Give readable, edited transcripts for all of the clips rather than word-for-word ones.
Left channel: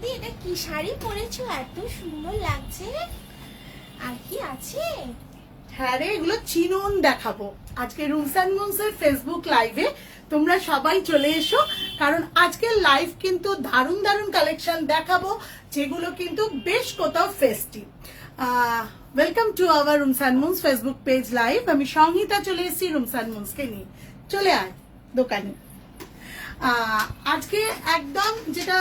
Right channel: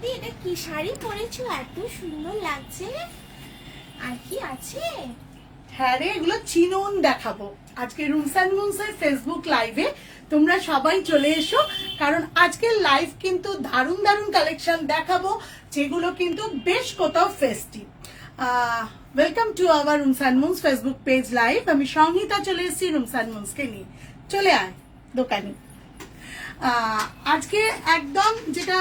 দিদি এটা কি শাড়ি পরেছো, এত সুন্দর লাগছে। আর কি আছে? হ্যাঁ রে, এগুলো চিনন দেখাবো আজকে রুমস অ্যান্ড মুনস এর ফেসবুক লাইভে। তোমরা সবাই চলে এসো, কারণ আজকের লাইভ কিন্তু দারুণ দারুণ কালেকশন দেখাবো, যেগুলো কিন্তু বেশ কোথাও festive. Welcome to our rooms and Moons Facebook page live. আমি সংহিতা চলে এসেছি রুমস অ্যান্ড মুনস কে নিয়ে। চলে আয় দোকানে। আজকে একদম যেটা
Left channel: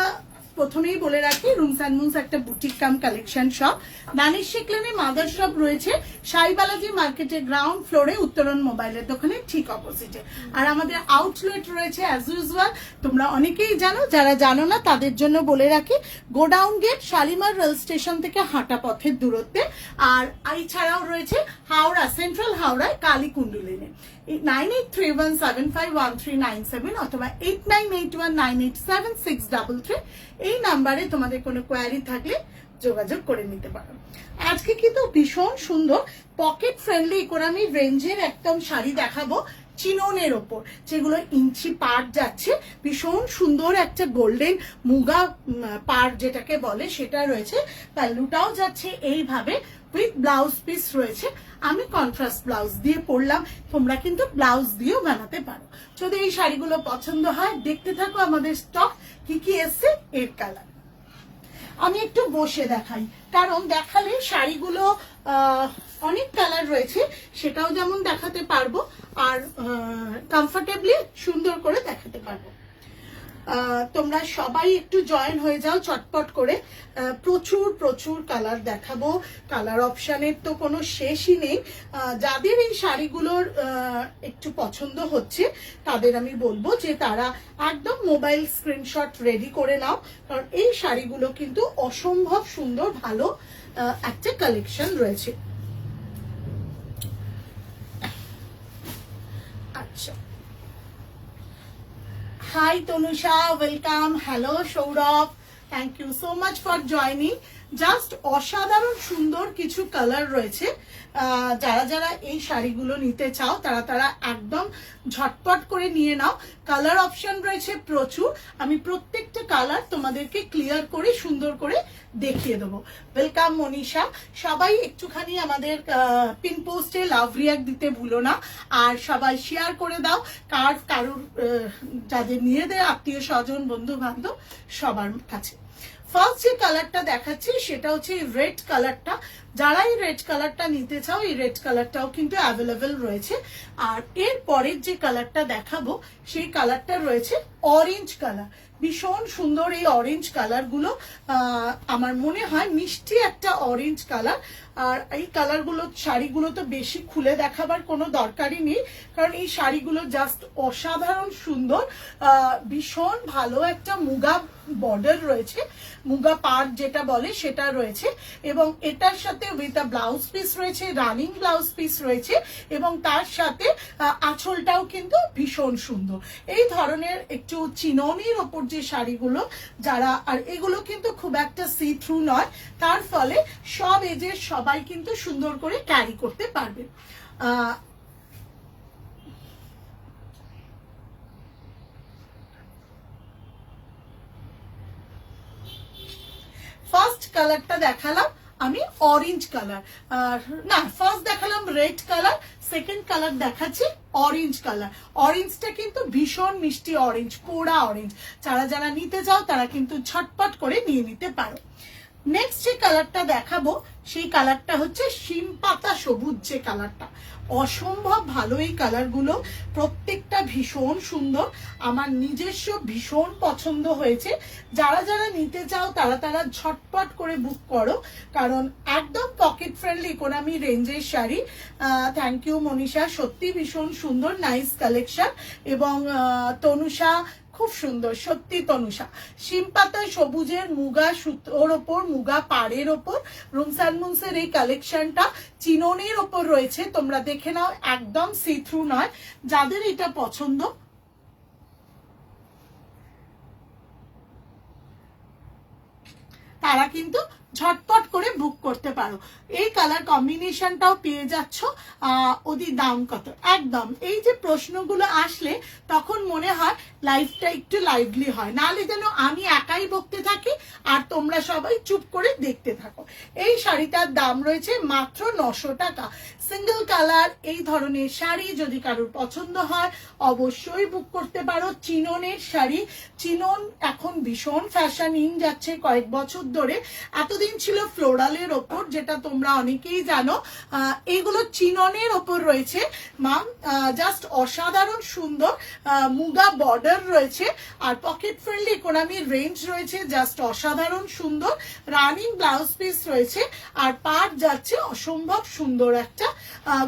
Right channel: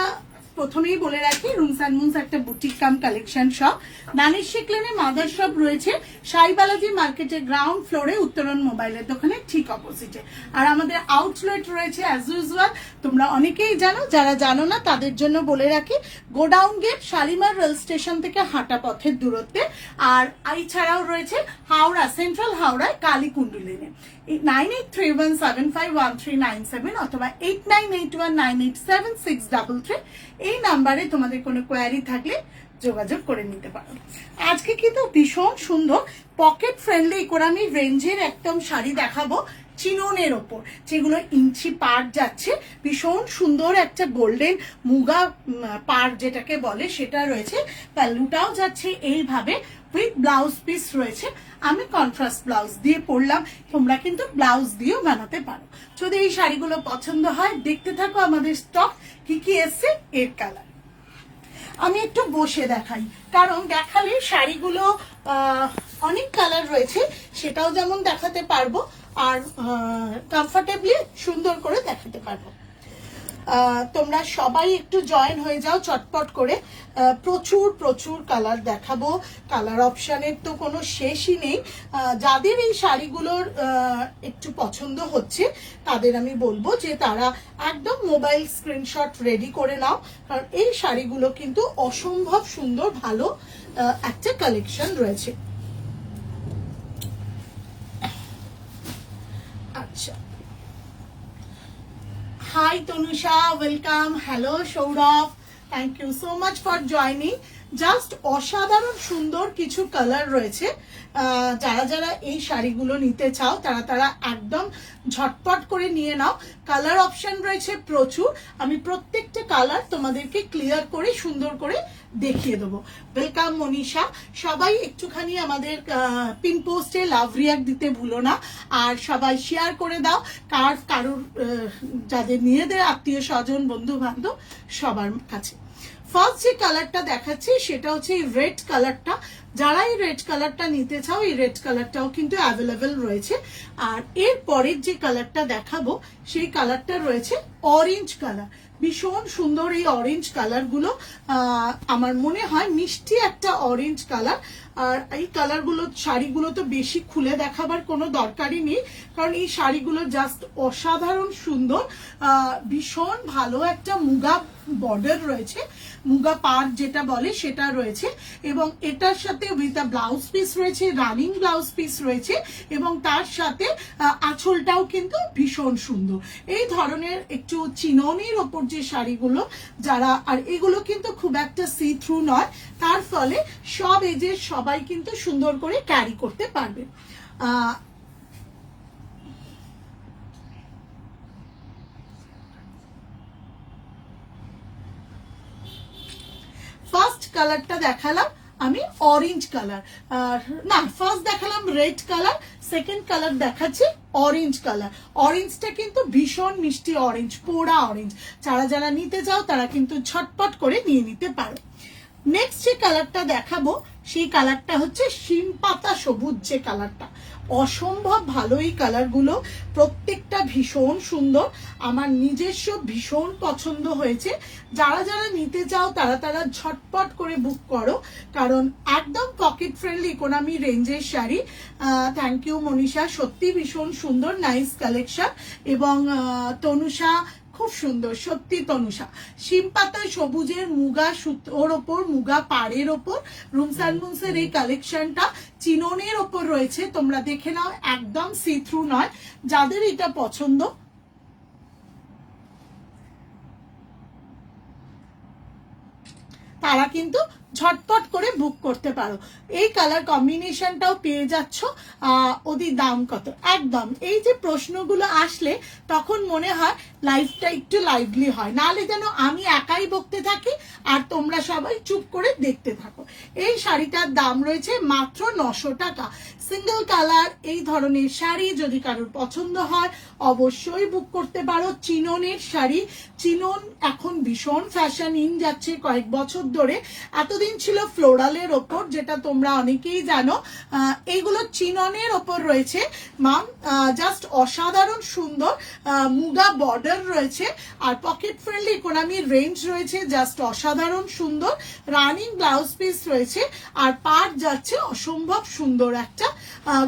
প্রথমেই বলে রাখি, রুমস অ্যান্ড মুনস একটা বুটিক কাম কালেকশন শপ। দানিশ লেনে মাদার শপ রয়েছে সাইবালাজি মার্কেটের গ্রাউন্ড ফ্লোরে, উত্তরণ মোবাইলের দোকানের ঠিক অপোজিটে। আর আমাদের আউটলেট রয়েছে অ্যাজ ইউজুয়াল, তোমরা অনেকেই জানো, যারা জানো না তাদের জন্য বলে রাখি, godown gate Shalimar rail station থেকে হাঁটা পথের দূরত্বে। আর এছাড়াও রয়েছে হাওড়া, সেন্ট্রাল হাওড়ায় কালীকুণ্ডু লেনে। 9831751397 অথবা 8981987633 এই নাম্বারে তোমাদের কোনো কোয়ারি থাকলে যোগাযোগ করে নিতে পারো। আজকে কিন্তু ভীষণ সুন্দর পকেট ফ্রেন্ডলি ইকোনমি রেঞ্জের একদম শাড়ি দেখাবো চিননের ওপর, যেগুলো ইঞ্চি পার যাচ্ছে। ভীষণ সুন্দর একটা গোল্ডেন মুগা পার যেটাকে বলে সেটা রয়েছে, প্যালুটাও যাচ্ছে এইভাবে উইথ ব্লাউজ পিস রয়েছে। আমি কন্ট্রাস্ট ব্লাউজ দিয়ে পরলাম, তোমরা কিন্তু ব্লাউজ দিয়েও বানাতে পারো। যদি এই শাড়িগুলো পছন্দ হয় দেখতে থাকো আমাদের স্টক কি কি এসছে এর কালার। আমি একটু বসে দেখাই, কারণ দেখালে শাড়িগুলো অনেক কালার রয়েছে, সেটাও যেমন দেখাতে পারবো আর কমফর্টেবলি সুন্দর করে দেখাতে পারবো। তোমরা সবাই একটু জয়েন হয়ে যাও চটপট করে। প্রচুর প্রচুর কালার দেখাবো, কালার অপশানের তো কোনো শেষই নেই। যাদের এই শাড়িগুলোর একটু পছন্দ হচ্ছে তাদের আমি বলবো যে তারা একদম মোবাইল স্ক্রিনশট রেডি করে নাও, কারণ এই শাড়িগুলো কিন্তু অসম্ভব সুন্দর ভালো একটা কালেকশন রয়েছে। আচ্ছা, hi Tanusha, welcome. Hello Sourav, thank you so much for joining. Just অসাধারণ সুন্দর কিছু কালার রয়েছে। যারা যারা এই শাড়িগুলো নিতে চাও তারা তারা একদম ঝটপট করে নিয়ে নাও। কালার অপশন রয়েছে প্রচুর, আমি প্রত্যেকটা কালার তোমাদেরকে ক্লিয়ার করে সুন্দর করে দেখিয়ে দেবো। ওয়েলকাম মনীষা। সবাই একটুখানি আমাদের পিন পোস্টে লাভ রিয়াক্ট দিতে ভুলো না, আর সবাই শেয়ার করে দাও কারোর যাদের নিজেদের আত্মীয় স্বজন বন্ধু বান্ধব সবার কাছে। ফার্স্ট যে কালারটা দেখাচ্ছি সেটা হচ্ছে এই রেড কালারটা। যারা এই রেড কালারটা নিতে চাও এই রেড কালারটাও কিন্তু অ্যাভেলেবেল রয়েছে। আর এর পরের যে কালারটা দেখাবো সেই কালারটা রয়েছে অরেঞ্জ কালার। ভীষণ সুন্দর এই অরেঞ্জ কালার গুলো, আমার মনে হয় মিষ্টি একটা অরেঞ্জ কালার। আর এই কালারগুলো শাড়িগুলো তো বেশি খুলে দেখাবার কোনো দরকারই নেই, কারণ এই শাড়িগুলো জাস্ট অসাধারণ সুন্দর। ভীষণ ভালো একটা মুগা বর্ডার রয়েছে, মুগা পাড় যেটা বলে সেটা রয়েছে, এবং এটার সাথে উইথ ব্লাউজ পিস রয়েছে, রানিং ব্লাউজ পিস রয়েছে, এবং তার সাথে আঁচলটাও কিন্তু ভীষণ সুন্দর। এই ধরনের একটু চিননির ওপর যে শাড়িগুলো যারা, আর এগুলো কিন্তু খুব একটা সি থ্রু নয়, তার ফলে সব এজের সবাই কিন্তু সুন্দর করে ক্যারি করতে পারবে। ফার্স্ট কালারটা দেখালাম আমি অরেঞ্জ কালার, না ফার্স্ট দেখালাম রেড কালার, সেকেন্ড কালার দেখাচ্ছি অরেঞ্জ কালার। অরেঞ্জটা কিন্তু ভীষণ মিষ্টি অরেঞ্জ, পোড়া অরেঞ্জ। যারা যারা নিতে চাও তারা কিন্তু ঝটপট করে নিয়ে নিতে পারো। নেক্সট যে কালারটা দেখাবো সেই কালারটা হচ্ছে শিম পাতা সবুজ যে কালারটা। অসম্ভব ভালো এই কালারগুলো, প্রত্যেকটা ভীষণ সুন্দর, আমার নিজস্ব ভীষণ পছন্দ হয়েছে। যারা যারা নিতে চাও তারা তারা ঝটপট করে বুক করো, কারণ একদম পকেট ফ্রেন্ডলি ইকোনমি রেঞ্জের শাড়ি। থ্যাংক ইউ মনীষা, সত্যি ভীষণ সুন্দর, নাইস কালেকশন। এবং তনুষা খুব সুন্দর সত্যি তনুষা। শিম পাতা সবুজের মুগা সুতোর ওপর, মুগা পাড়ের ওপর রুমস অ্যান্ড মুনসের এই কালেকশনটা চিননের ওপর রয়েছে, তোমরা দেখে নাও, একদম সি থ্রু নয়। যাদের এটা পছন্দ তারা কিন্তু ঝটপট করে বুক করতে পারো। এই কালার কম্বিনেশনটাও পেয়ে যাচ্ছ। ওদের দাম কত? একদম এই যে প্রশ্নগুলো আসলে তখন মনে হয় লাইফটা একটু লাইভলি হয়, নাহলে যেন আমি একাই বকতে থাকি আর তোমরা সবাই চুপ করে দেখতে থাকো। এই শাড়িটার দাম রয়েছে মাত্র 900 টাকা। সিঙ্গেল কালার এই ধরনের শাড়ি যদি কারোর পছন্দ হয় অবশ্যই বুক করতে পারো। চিননের শাড়ি, চিনন এখন ভীষণ ফ্যাশন ইন যাচ্ছে কয়েক বছর ধরে। এতদিন ছিল ফ্লোরালের ওপর, যেটা তোমরা অনেকেই জানো। এইগুলো চিননের ওপর রয়েছে মাম, জাস্ট অসাধারণ সুন্দর। মুগা বর্ডার রয়েছে আর পকেট ফ্রেন্ডলি ইকোনমির রেঞ্জ রয়েছে, জাস্ট অসাধারণ সুন্দর। রানিং ব্লাউজ পিস রয়েছে আর পাড় যাচ্ছে অসম্ভব সুন্দর একটা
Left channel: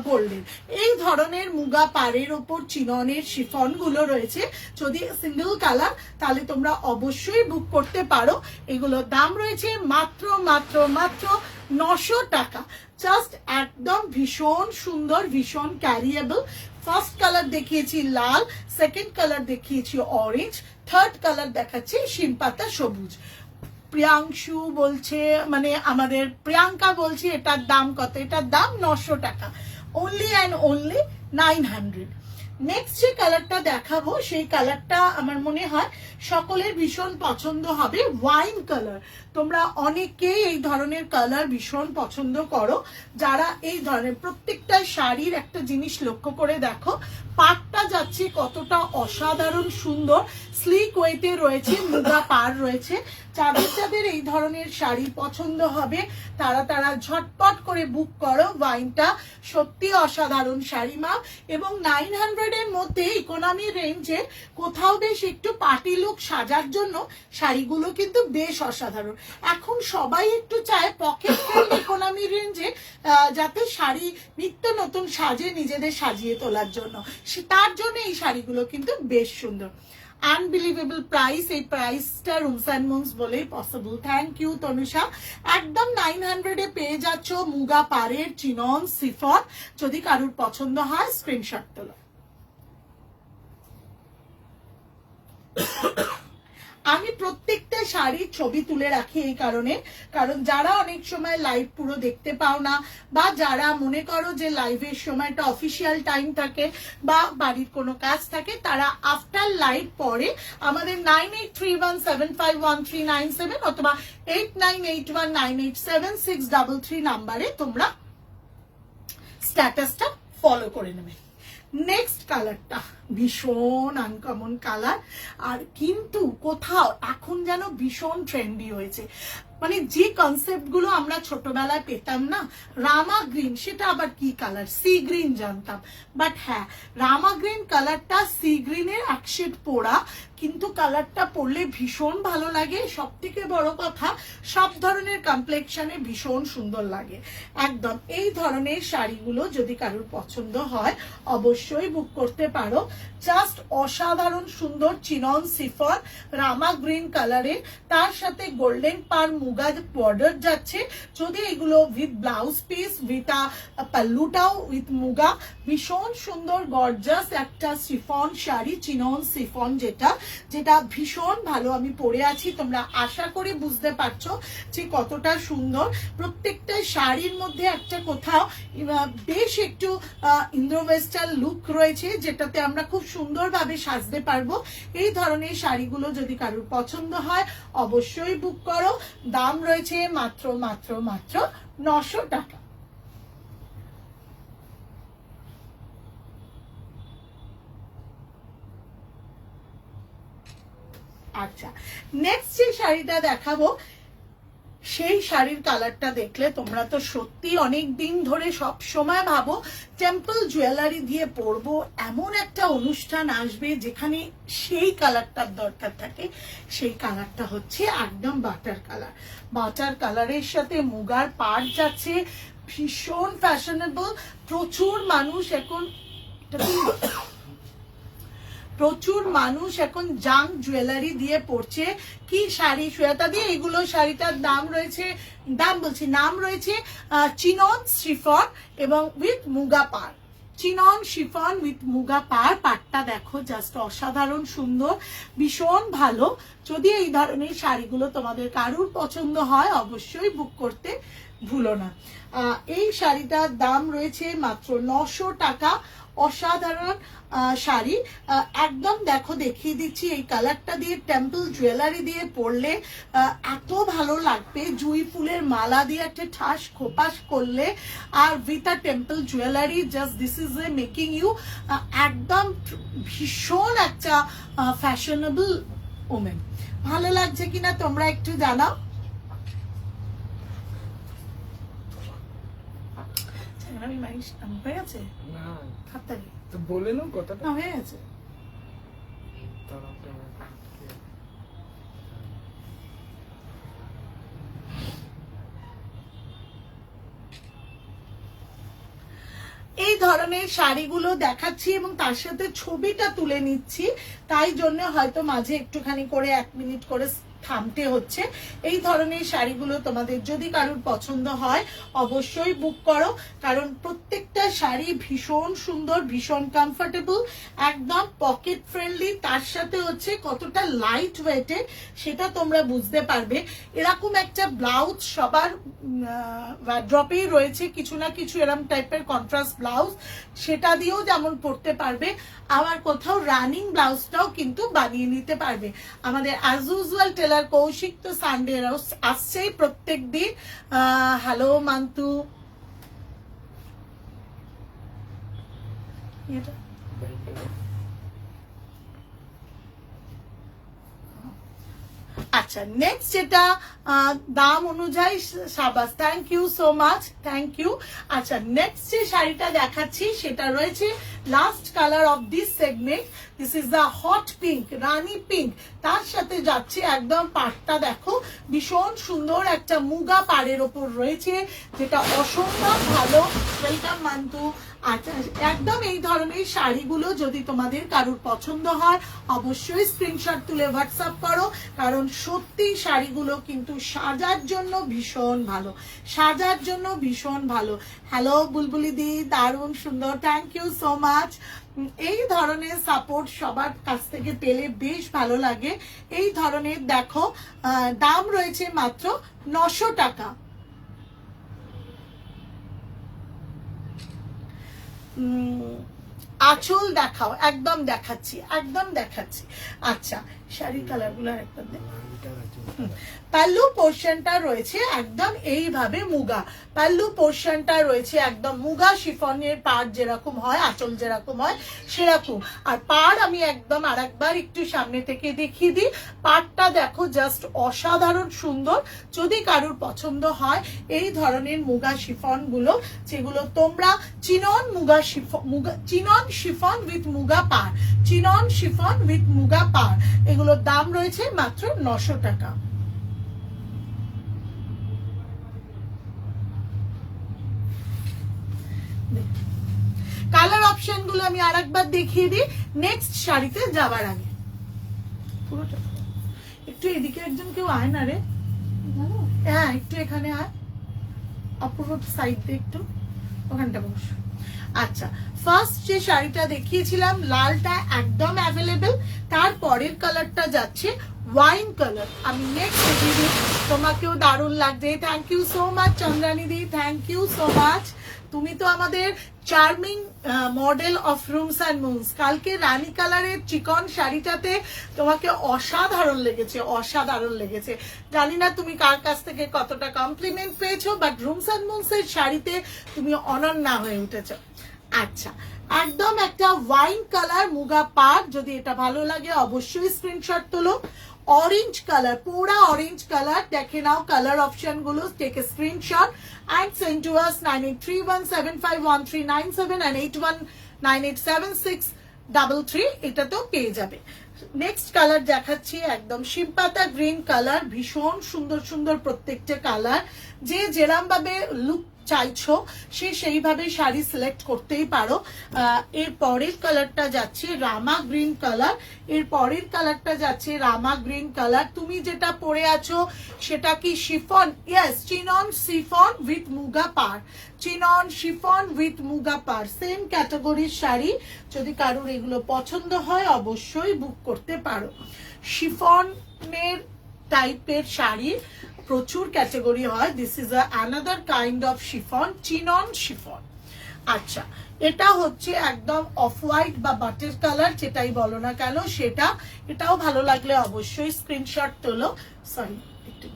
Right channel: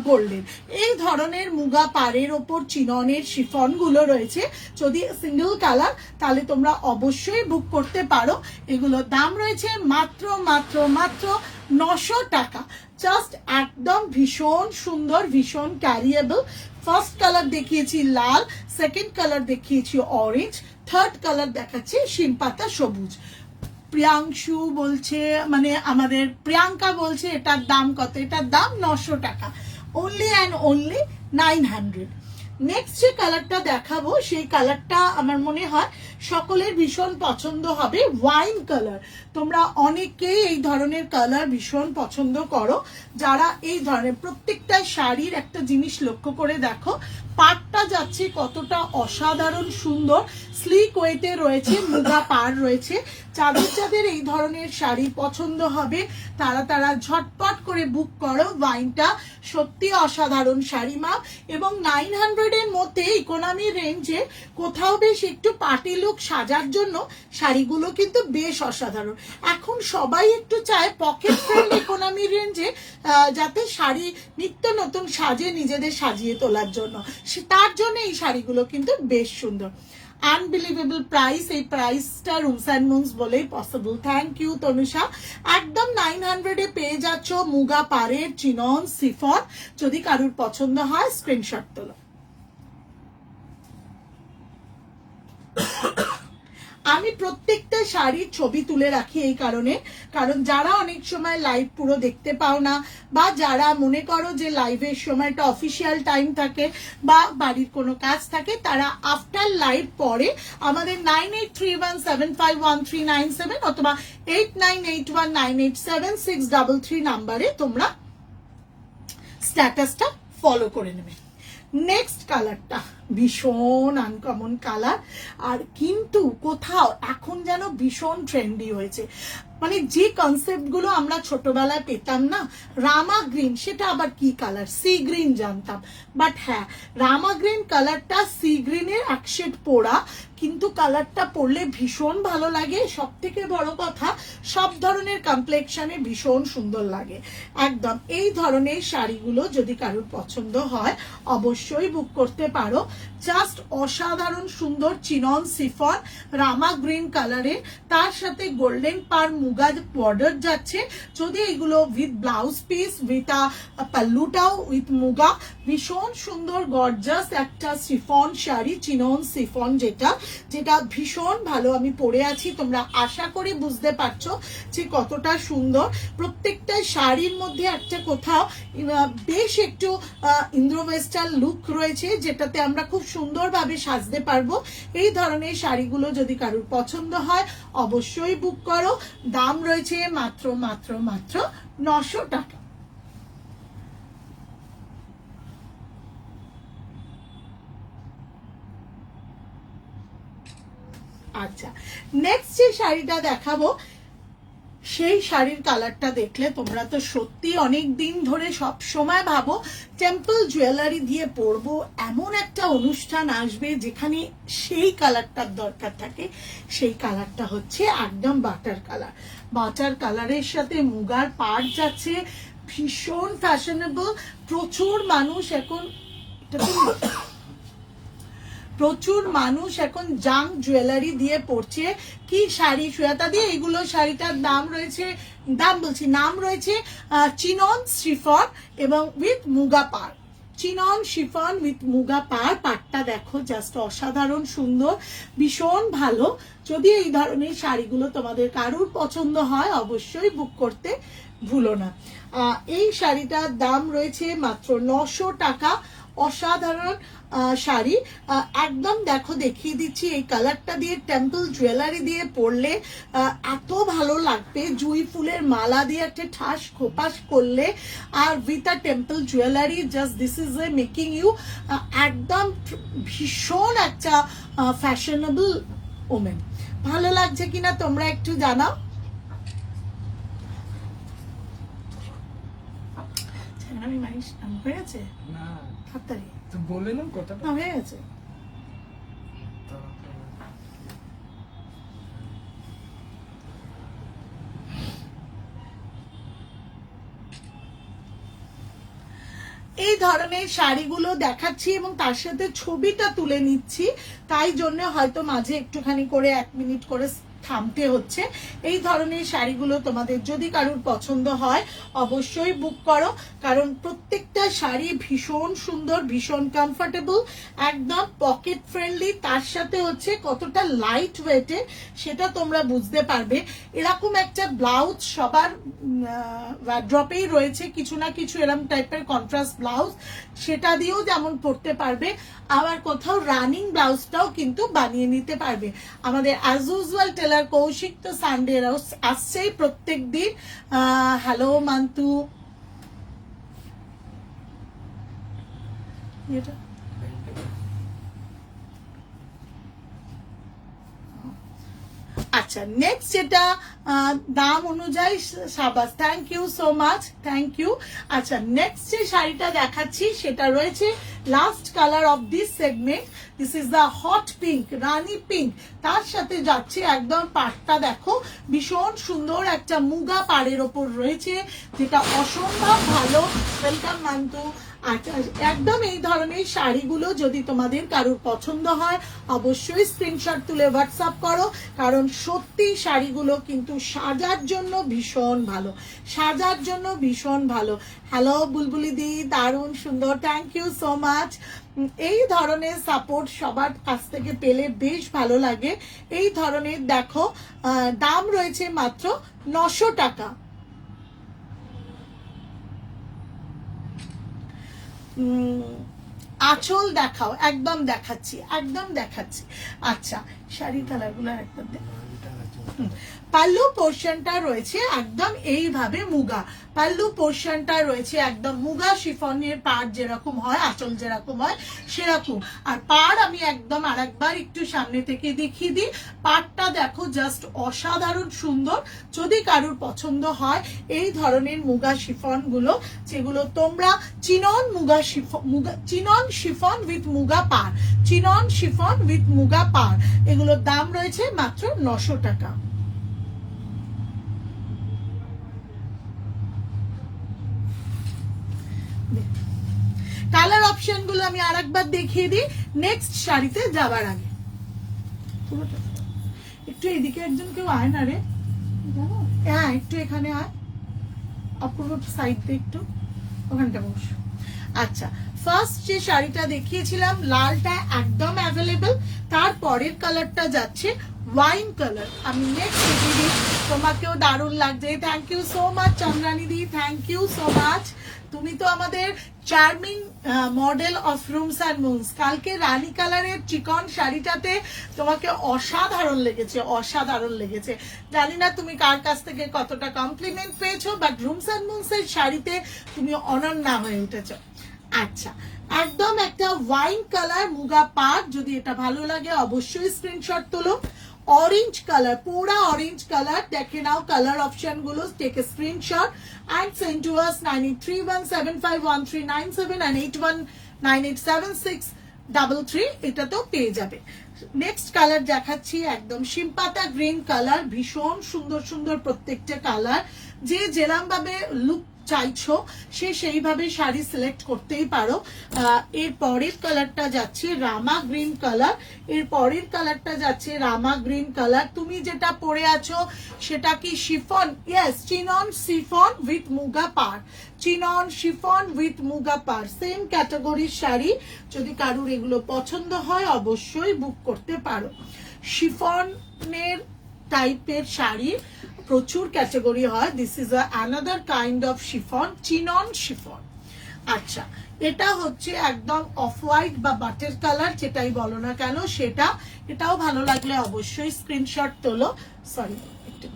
গোল্ডেন। এই ধরনের মুগা পাড়ের ওপর চিননের শিফন গুলো রয়েছে। যদি সিঙ্গেল কালার তাহলে তোমরা অবশ্যই বুক করতে পারো। এগুলোর দাম রয়েছে মাত্র মাত্র মাত্র 900 টাকা। জাস্ট একদম ভীষণ সুন্দর, ভীষণ ক্যারিয়েবল। ফার্স্ট কালার দেখিয়েছি লাল, সেকেন্ড কালার দেখিয়েছি অরেঞ্জ, থার্ড কালার দেখাচ্ছি শিমপাতা সবুজ। প্রিয়াংশু বলছে, মানে আমাদের প্রিয়াঙ্কা বলছে এটার দাম কত? এটার দাম 900 টাকা, অনলি অ্যান্ড অনলি 900। নেক্সট যে কালারটা দেখাবো সেই কালারটা আমার মনে হয় সকলের ভীষণ পছন্দ হবে, ওয়াইন কালার। তোমরা অনেকেই এই ধরনের কালার ভীষণ পছন্দ করো। যারা এই ধরনের প্রত্যেকটা শাড়ির একটা জিনিস লক্ষ্য করে দেখো, পাড়টা যাচ্ছে কতটা অসাধারণ সুন্দর, স্লিক ওয়েতে রয়েছে, মুগা পাড় রয়েছে। যাদের এই ধরনের শাড়ি পছন্দ হবে তারা ঝটপট করে বুক করো। ওয়াইনটা সত্যি অসাধারণ শাড়ি মা, এবং 900 এর মধ্যে ইকোনমি রেঞ্জে কোথাও বেশ একটু পার্টি লুক সাজার জন্য শাড়িগুলো কিন্তু বেশ অসাধারণ। এখন সবাই একটু চায় পকেট ফ্রেন্ড ইকোনমি রেঞ্জে যাতে শাড়ি নিত্য নতুন সাজে নিজেদের সাজিয়ে তোলার জন্য, তার জন্য এই শাড়িগুলো কিন্তু বেশ সুন্দর। আনবিলিভেবল প্রাইস, এই প্রাইসটা রুমস অ্যান্ড মুনস বলেই পসিবল। Thank you Tanusha. একদম 900 এ পেয়ে যাচ্ছ মুগা পাড়ের চিনন সিফন। যদি কারোর পছন্দ হয় স্ক্রিনশট তোলো। আমি প্রত্যেকটা শাড়ির ছবি তুলে রাখি এই কারণে, কারণ যারা অনেক সময় লাইভ পুরো দেখতে পাও না, বা যারা মনে করো যে লাইভের সময়টা অফিসিয়াল টাইম থাকে বা বাড়ির কোনো কাজ থাকে, তারা আফটার লাইভ পরে আমাদের 9831751397 অথবা 8981987633 নাম্বারে তোমরা স্ট্যাটাসটা ফলো করে নেবে। নেক্সট কালারটা ভীষণ আনকমন কালার, আর কিন্তু কোথাও এখন যেন ভীষণ ট্রেন্ডি হয়েছে। মানে যে কনসেপ্ট গুলো আমরা ছোটবেলায় পেতাম না, রামা গ্রিন, সেটা আবার কি কালার? সি গ্রিন জানতাম, বাট হ্যাঁ রামা গ্রিন কালারটা সি গ্রিনের এক শেড পোড়া, কিন্তু কালারটা পরলে ভীষণ ভালো লাগে। সব থেকে বড় কথা সব ধরনের কমপ্লেকশনে ভীষণ সুন্দর লাগে একদম। এই ধরনের শাড়িগুলো যদি কারোর পছন্দ হয় অবশ্যই বুক করতে পারো। জাস্ট অসাধারণ সুন্দর চিনন সিফন রামা গ্রিন কালারের, তার সাথে গোল্ডেন পার মুগা বর্ডার যাচ্ছে। যদি এগুলো উইথ ব্লাউজ পিস, উইথ পাল্লুটাও উইথ মুগা, ভীষণ সুন্দর গর্জাস একটা সিফন শাড়ি, চিনন সিফন, যেটা ভীষণ ভালো। আমি পরে আছি, তোমরা আশা করি বুঝতে পারছো যে কতটা সুন্দর। প্রত্যেকটা শাড়ির মধ্যে একটা কোথাও বেশ একটু ইন্দ্রো ওয়েস্টার্ন লুক রয়েছে, যেটাতে আমরা খুব সুন্দরভাবে সাজতে পারবো। এই ধরনের শাড়িগুলো যদি কারোর পছন্দ হয় অবশ্যই বুক করো। দাম রয়েছে মাত্র মাত্র মাত্র 900 টাকা। আচ্ছা, নেক্সট যে শাড়িটা দেখাবো সেই শাড়ির কালারটা দেখলে তোমরা তো সত্যি অনেক দিন ধরে সব সময় ভাবো টেম্পল জুয়েলারি দিয়ে পরবো, এমন একটা অনুষ্ঠান আসবে যেখানে সেই কালারটার দরকার থাকে। সেই কালারটা হচ্ছে একদম বাটার কালার। বাটার কালারের সাথে মুগার পাড় যাচ্ছে, ভীষণ ফ্যাশনেবল। প্রচুর মানুষ এখন জাং জুয়েলারি দিয়ে পড়ছে। কি শাড়ি সুয়াতা দিয়ে, এগুলো শাড়িটার নাম রয়েছে চিনন শ্রীফন এবং উইথ মুগা পাড়। চিনন শিফন উইথ মুগা পার। পাটটা দেখো জাস্ট অসাধারণ সুন্দর, ভীষণ ভালো। যদি এই ধরনের শাড়িগুলো তোমাদের কারুর পছন্দ হয় অবশ্যই বুক করতে ভুলো না। এই শাড়িটার দাম রয়েছে মাত্র 900 টাকা। অসাধারণ শাড়ি, একদম দেখো দেখিয়ে দিচ্ছি, এই কালারটা দিয়ে টেম্পল জুয়েলারি দিয়ে পরলে এত ভালো লাগবে। জুঁই ফুলের মালা দিয়ে একটা ঠাস খোপাস করলে আর with a temple jewellery, just this is a making you একদম ভীষণ একটা ফ্যাশনেবল ওমেন। ভালো লাগছে কিনা তোমরা একটু জানাও। আমি মাইশ হয়ে গেছে হাততালি তো বলে না কথাটা হয়ে গেছে। এই ধরনের শাড়িগুলো দেখাচ্ছি এবং তার সাথে ছবিটা তুলে নিচ্ছি, তাই জন্য হয়তো মাঝে একটুখানি করে 1 মিনিট করে থামতে হচ্ছে। এই ধরনের শাড়িগুলো তোমাদের যদি কারোর পছন্দ হয় অবশ্যই বুক করো, কারণ প্রত্যেকটা শাড়ি ভীষণ সুন্দর, ভীষণ কমফোর্টেবল, একদম পকেট ফ্রেন্ডলি, তার সাথে হচ্ছে কতটা লাইট ওয়েটে সেটা তোমরা বুঝতে পারবে। এরকম একটা ব্লাউজ সবার ওয়ার্ড্রপেই রয়েছে, কিছু না কিছু এরকম টাইপের কন্ট্রাস্ট ব্লাউজ, সেটা দিয়েও যেমন পরতে পারবে, আবার কোথাও রানিং ব্লাউজটাও কিন্তু বানিয়ে নিতে পারবে। আমাদের অ্যাজ ইউজুয়াল টেলার কৌশিক তো সানডে আসছেই প্রত্যেক দিন। হ্যালো মান্তু, আচ্ছা নেক্সট যেটা দাম অনুযায়ী সাবাস, thank you so much, thank you. আচ্ছা নেক্সট যে শাড়িটা দেখাচ্ছি সেটা রয়েছে last colour of this segment, this is the hot pink, rani pink. তার সাথে যাচ্ছে একদম পাড়টা দেখো ভীষণ সুন্দর একটা মুগা পাড়ের ওপর রয়েছে, যেটা অসম্ভব ভালো। ওয়েলকাম মান্তু। আচ্ছা একদম এই ধরনের শাড়িগুলো যদি তোমাদের কারোর পছন্দ হয় অবশ্যই স্ক্রিনশট তুলে হোয়াটসঅ্যাপ করো, কারণ সত্যি শাড়িগুলো কিন্তু সাজার জন্য ভীষণ ভালো, সাজার জন্য ভীষণ ভালো। হ্যালো বুলবুলি দি, দারুণ সুন্দর, থ্যাংক ইউ সো মাচ। এই ধরনের সাপোর্ট সবার কাছ থেকে পেলে বেশ ভালো লাগে। এই ধরনের দেখো দাম রয়েছে মাত্র 900 টাকা। আঁচল দেখাও, একদম দেখাচ্ছি, একদম দেখাচ্ছি। আচ্ছা শাড়ি কালার গুলো একবার পাল্লু পোর্শনটা রয়েছে একদম এইভাবে মুগা, পাল্লু পোর্শনটা রয়েছে একদম মুগা শিফনের পাড় যেরকম হয়, আঁচল যেরকম হয় সেরকম। আর পাড় আমি একদম আরেকবার একটু সামনে থেকে দেখিয়ে দিই, পাড়টা দেখো জাস্ট অসাধারণ সুন্দর। যদি কারোর পছন্দ হয় এই ধরনের মুগা শিফন গুলো, যেগুলো তোমরা chinon muga chiffon, chinon chiffon with muga পাড়, চিনন শিফন উইথ মুগা পাড়, এগুলোর দাম রয়েছে মাত্র 900 টাকা। কালার অপশন গুলো আমি আরেকবার দেখিয়ে দিই নেক্সট শাড়িতে যাবার আগে। একটু এদিকে একজন কেউ আয় না রে, হ্যাঁ একটু এখানে আয়, অপূর্ব সাইড দিয়ে একটু ওখানটা বস। আচ্ছা ফার্স্ট যে শাড়িটা দেখিয়েছিলাম লালটা একদম অ্যাভেলেবেল, তারপরের কালারটা যাচ্ছে ওয়াইন কালার। আমি নেক্সট দেখিয়ে দিই, তোমাকেও দারুণ লাগবে। Thank you so much Chandrani di, thank you so much. তুমি তো আমাদের charming model of Rooms and Moons. কালকে রানী কালারের চিকন শাড়িটাতে তোমাকে অসাধারণ লেগেছে, অসাধারণ লেগেছে। জানি না তুমি কার কাছ থেকে কতটা কমপ্লিমেন্ট পেয়েছো, বাট রুমস অ্যান্ড মুনস এর শাড়িতে তুমি অনন্যা হয়ে উঠেছো। আচ্ছা একদম একটা ওয়াইন কালার মুগা পাড়, যদি এটা ভালো লাগে অবশ্যই স্ক্রিনশট তোলো। অরেঞ্জ কালার, পুরা অরেঞ্জ কালার, দেখে নাও কালার অপশন গুলো, take a screenshot and send to us 9831751397 and 81987633, এটা তো পেয়ে যাবে। নেক্সট কালার দেখাচ্ছি একদম শিমপাতা গ্রিন কালার, ভীষণ সুন্দর সুন্দর প্রত্যেকটা কালার। যে যেরকম ভাবে লুক চাইছো সে সেইভাবে শাড়ি সিলেক্ট করতেই পারো। এর পরের কালারটা যাচ্ছে রামা গ্রিন কালার, এর পরের কালারটা যাচ্ছে রামা গ্রিন কালার। তুমি যেটা পরে আছো সেটা কি chiffon? Yes, chinon chiffon with muga per, chinon chiffon with muga per, same ক্যাটাগরির শাড়ি। যদি কারোর এগুলো পছন্দ হয় অবশ্যই বুক করতে পারো। শিফনের টাইপের শাড়ি প্রচুর ক্যাটাগরি হয়। This is another kind of chiffon, chinon chiffon. আচ্ছা, এটা হচ্ছে একদম অফ হোয়াইট বা বাটার কালার, যেটাই বলো না কেন সেটা। এটাও ভালো লাগলে অবশ্যই স্ক্রিনশট তোলো। সরি, একটু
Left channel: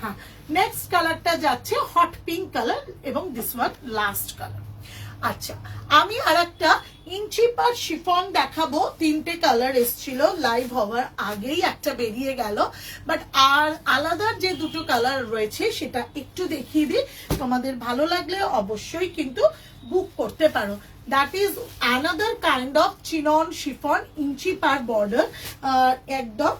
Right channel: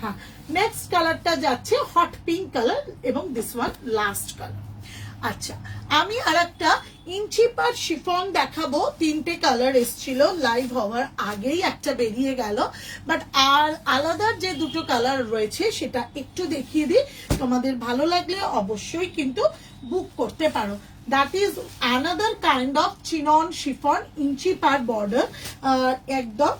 হ্যাঁ। নেক্সট কালারটা যাচ্ছে হট পিঙ্ক কালার এবং দিস ওয়ান লাস্ট কালার। আচ্ছা, আমি আর একটা ইঞ্চি পার শিফন দেখাবো। তিনটে কালার এসছিল, লাইভ হওয়ার আগেই একটা বেরিয়ে গেল, বাট আর আলাদা যে দুটো কালার রয়েছে সেটা একটু দেখিয়ে দিই। তোমাদের ভালো লাগলে অবশ্যই কিন্তু বুক করতে পারো। That is another kind of chinon chiffon, inch পার বর্ডার, একদম।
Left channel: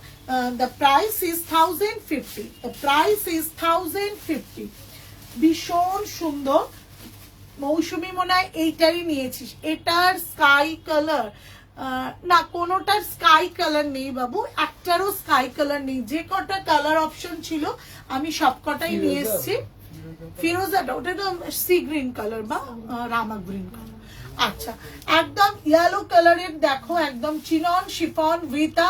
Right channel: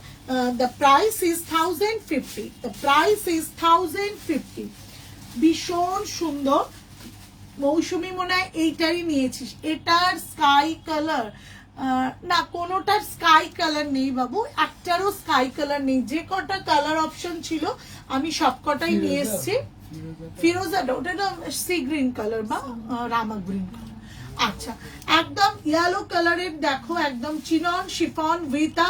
The price is 1050, the price is 1050। ভীষণ সুন্দর। মৌসুমি মনে হয় এইটারই নিয়েছিস, এটার স্কাই কালার না, কোনোটার স্কাই কালার নেই বাবু, একটারও স্কাই কালার নেই। যে কটা কালার অপশন ছিল আমি সব কটাই নিয়ে এসেছি। ফিরোজাটা, ওটা তো সি গ্রিন কালার বা রামা গ্রিন কালার। আচ্ছা, একদম ইয়েলো কালারের দেখো, একদম chinon chiffon with a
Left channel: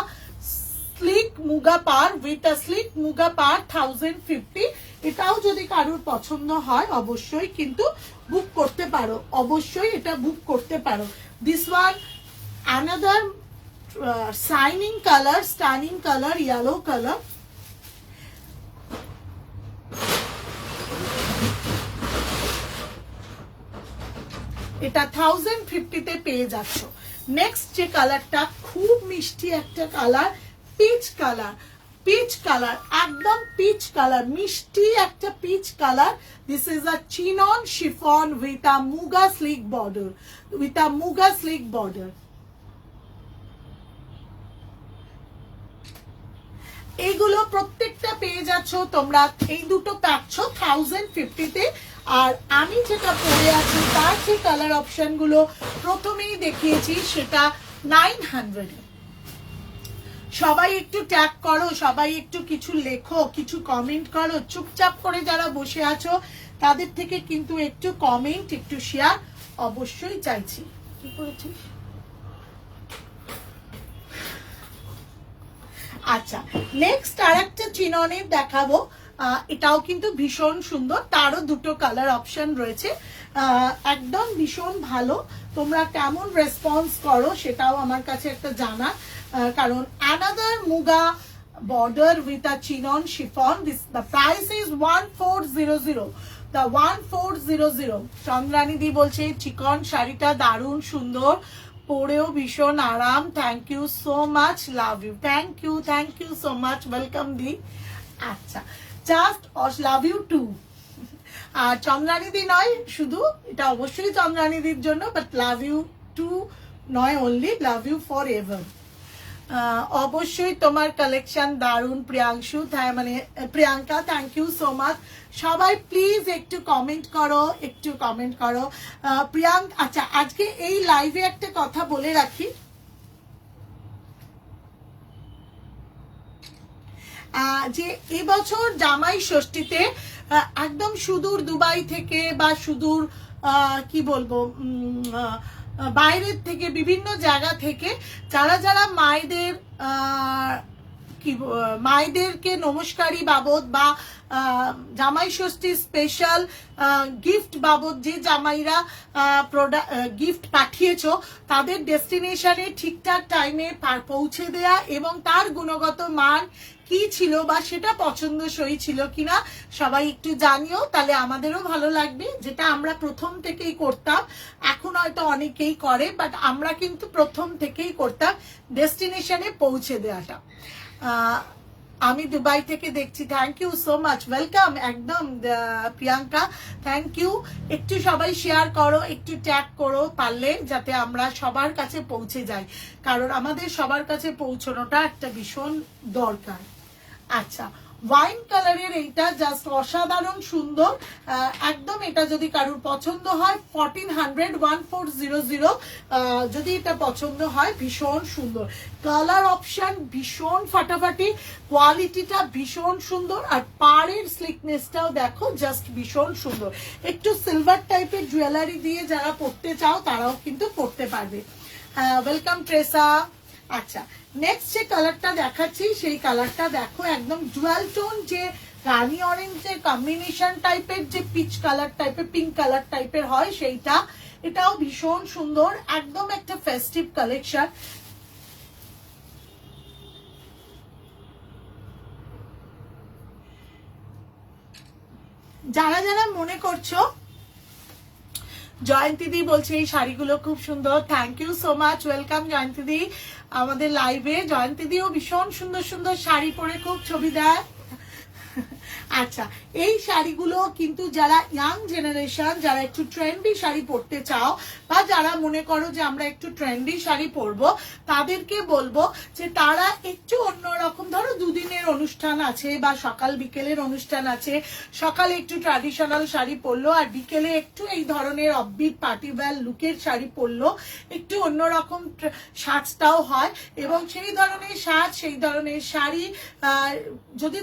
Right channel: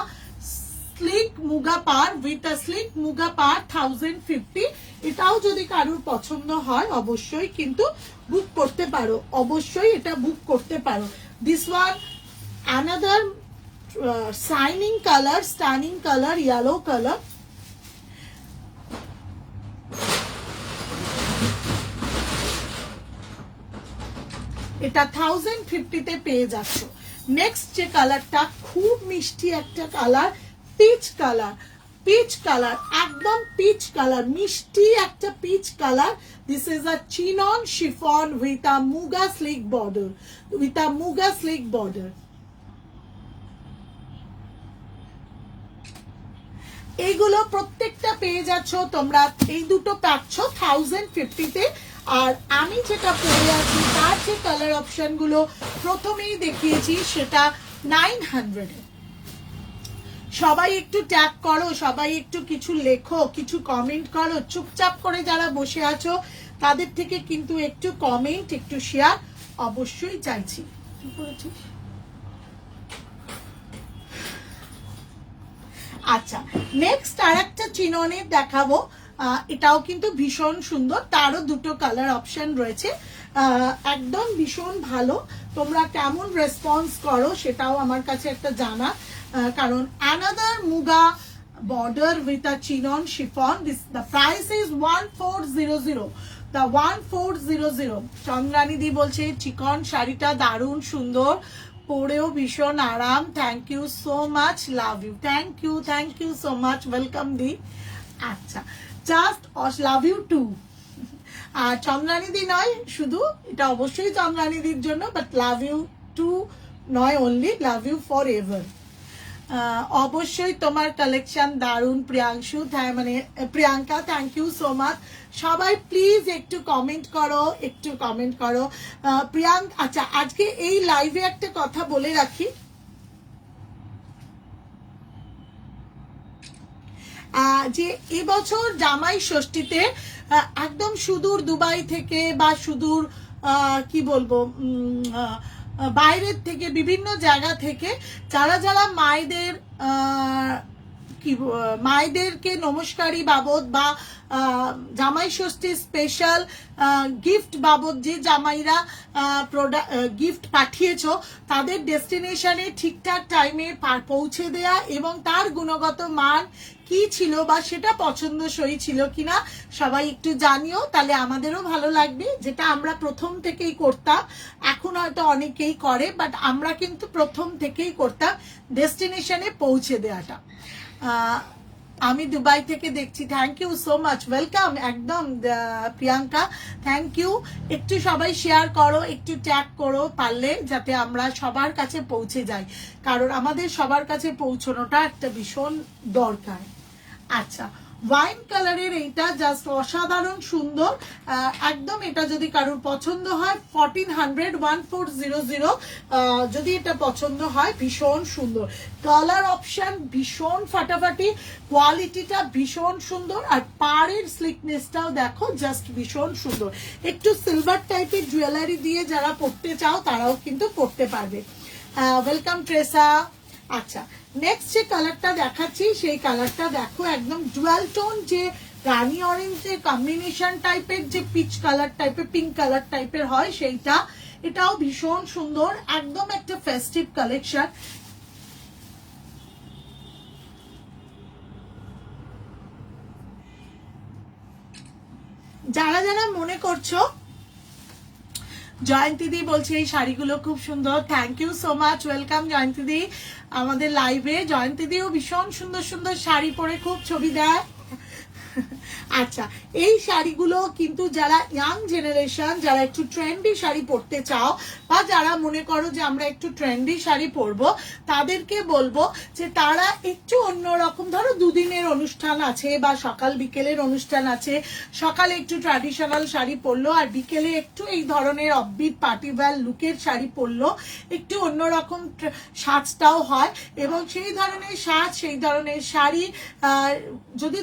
sleek muga পার, উইথ আ স্লিক মুগা পার, 1050। এটাও যদি কারোর পছন্দ হয় অবশ্যই কিন্তু বুক করতে পারো, অবশ্যই এটা বুক করতে পারো। This one another shining colour, stunning colour, yellow colour. এটা 1050-তে পেয়ে যাচ্ছ। নেক্সট যে কালারটা খুব মিষ্টি একটা colour, peach colour, peach colour, একদম পিচ কালার, মিষ্টি একটা peach colour. This is a chinon chiffon with a muga slick border, with a muga slick border. এইগুলো প্রত্যেকটা পেয়ে যাচ্ছ তোমরা, এই দুটো পাচ্ছ 1050-তে। আর আমি যেটা পরে আছি তার যে কালার অপশন গুলো প্রথমেই দেখিয়েছি সেটা 900-এ। সবাই একটু ট্যাগ করো, সবাই একটু কিছু লেখো, কিছু কমেন্ট করো। চুপচাপ করে যারা বসে আছো তাদের থেকে কিন্তু একটু কমেন্ট, একটু শেয়ার অবশ্যই চাইছি। কি করেছিস? আচ্ছা, নেক্সট আর একটা চিননের দেখাবো। এটাও কিন্তু ভীষণ সুন্দর, তারও দুটো কালার অপশন রয়েছে। একদম ভীষণ ভালো। তোমরা কেমন রেসপন্স করো সেটাও আমার কাছে একটা জানা, কারণ another muga border with a chinon chiffon. This the price is 1400, the 1400। Chandrani দি বলছে চিকন শাড়িটা দারুণ সুন্দর, পরেও ভীষণ আরাম। Thank you so much, love you, thank you so much, welcome দি। আচ্ছা, জাস্ট লাভ ইউ টু। আর চন্দ্রানীদি নয় শুধু, এটা অবশ্যই চন্দ্রানীদির জন্য, বাট লাভ ইউ টু নয় only, love you forever. অবশ্যই তোমার কালেকশন দারুণ প্রিয়াংশু, মানে Priyanka, thank you so much. সবাই প্লিজ একটু কমেন্ট করো, একটু কমেন্ট করো। প্রিয়াঙ্ক, আচ্ছা আজকে এই লাইভে একটা কথা বলে রাখি, যে এবছর জামাই ষষ্ঠীতে একদম সুদূর দুবাই থেকে বা সুদূর কি বলবো বাইরের থেকে, বিভিন্ন জায়গা থেকে যারা যারা মায়েদের মায়েদেরকে নমস্কারী বাবদ বা জামাই ষষ্ঠী স্পেশাল গিফট বাবদ যে জামাইরা গিফট পাঠিয়েছো তাদের ডেস্টিনেশনে ঠিকঠাক টাইমে পৌঁছে দেয়া এবং তার গুণগত মান কি ছিল বা সেটা পছন্দসই ছিল কিনা সবাই একটু জানিও, তাহলে আমাদেরও ভালো লাগবে। যেটা আমরা প্রথম থেকেই করতাম, এখন হয়তো অনেকেই করে, বাট আমরা কিন্তু প্রথম থেকেই করতাম ডেস্টিনেশনে পৌঁছে দেওয়াটা। আমি দুবাই থেকে দেখছি, thank you so much, welcome. একদম প্রিয়াঙ্কা, থ্যাংক ইউ। একটু সবাই শেয়ার করো, একটু ট্যাগ করো পারলে, যাতে আমরা সবার কাছে পৌঁছে যাই, কারণ আমাদের সবার কাছে পৌঁছানোটা একটা ভীষণ দরকার। আচ্ছা, ওয়াইন কালারের এইটা জাস্ট অসাধারণ সুন্দর, একদম এটা যদি কারোর পছন্দ হয় 1400 যদি এটা পছন্দ হয়, ভীষণ সুন্দর কালার অপশন, ভীষণ ফাটাফাটি, কোয়ালিটিটা ভীষণ সুন্দর, আর পাড়ের স্লিকনেসটাও দেখো জাস্ট ভীষণ সুন্দর। একটু সিলভার টাইপের জুয়েলারি দিয়ে যারা পড়তে চাও তারাও কিন্তু পড়তে পারবে। ওয়েলকাম ট্রেসা। আচ্ছা, নেক্সট যে কালারটা দেখাচ্ছি সেই কালারটা দেখো, একদম ডুয়াল টোন, যে রানি অরেঞ্জের কম্বিনেশন টাইপের, যে পিচ কালার টাইপের, পিঙ্ক কালার টাইপের হয় সেইটা। এটাও ভীষণ সুন্দর, একদম একটা ফেস্টিভ কালেকশন। যারা যারা মনে করছো, জয়ন্তী দি বলছে এই শাড়িগুলো খুব সুন্দর, thank you so much, welcome Jayanti দি আমাদের লাইভে। জয়ন্তী দিও ভীষণ সুন্দর সুন্দর শাড়ি পরে খুব ছবি দেয়। আচ্ছা, এই শাড়িগুলো কিন্তু যারা ইয়াং জেনারেশন, যারা একটু ট্রেন্ডি শাড়ি পরতে চাও, বা যারা মনে করো যে আমরা একটু ট্রেন্ডি শাড়ি পরবো, তাদেরকে বলবো যে তারা একটু অন্যরকম, ধরো দুদিনের অনুষ্ঠান আছে বা সকাল বিকেলের অনুষ্ঠান আছে, সকালে একটু ট্র্যাডিশনাল শাড়ি পরলো আর বিকেলে একটু এই ধরনের অফবিট পার্টি ওয়্যার লুকের শাড়ি পরলো, একটু অন্যরকম সাজটাও হয়, এবং সেই ধরনের সাজ, সেই ধরনের শাড়ি যদি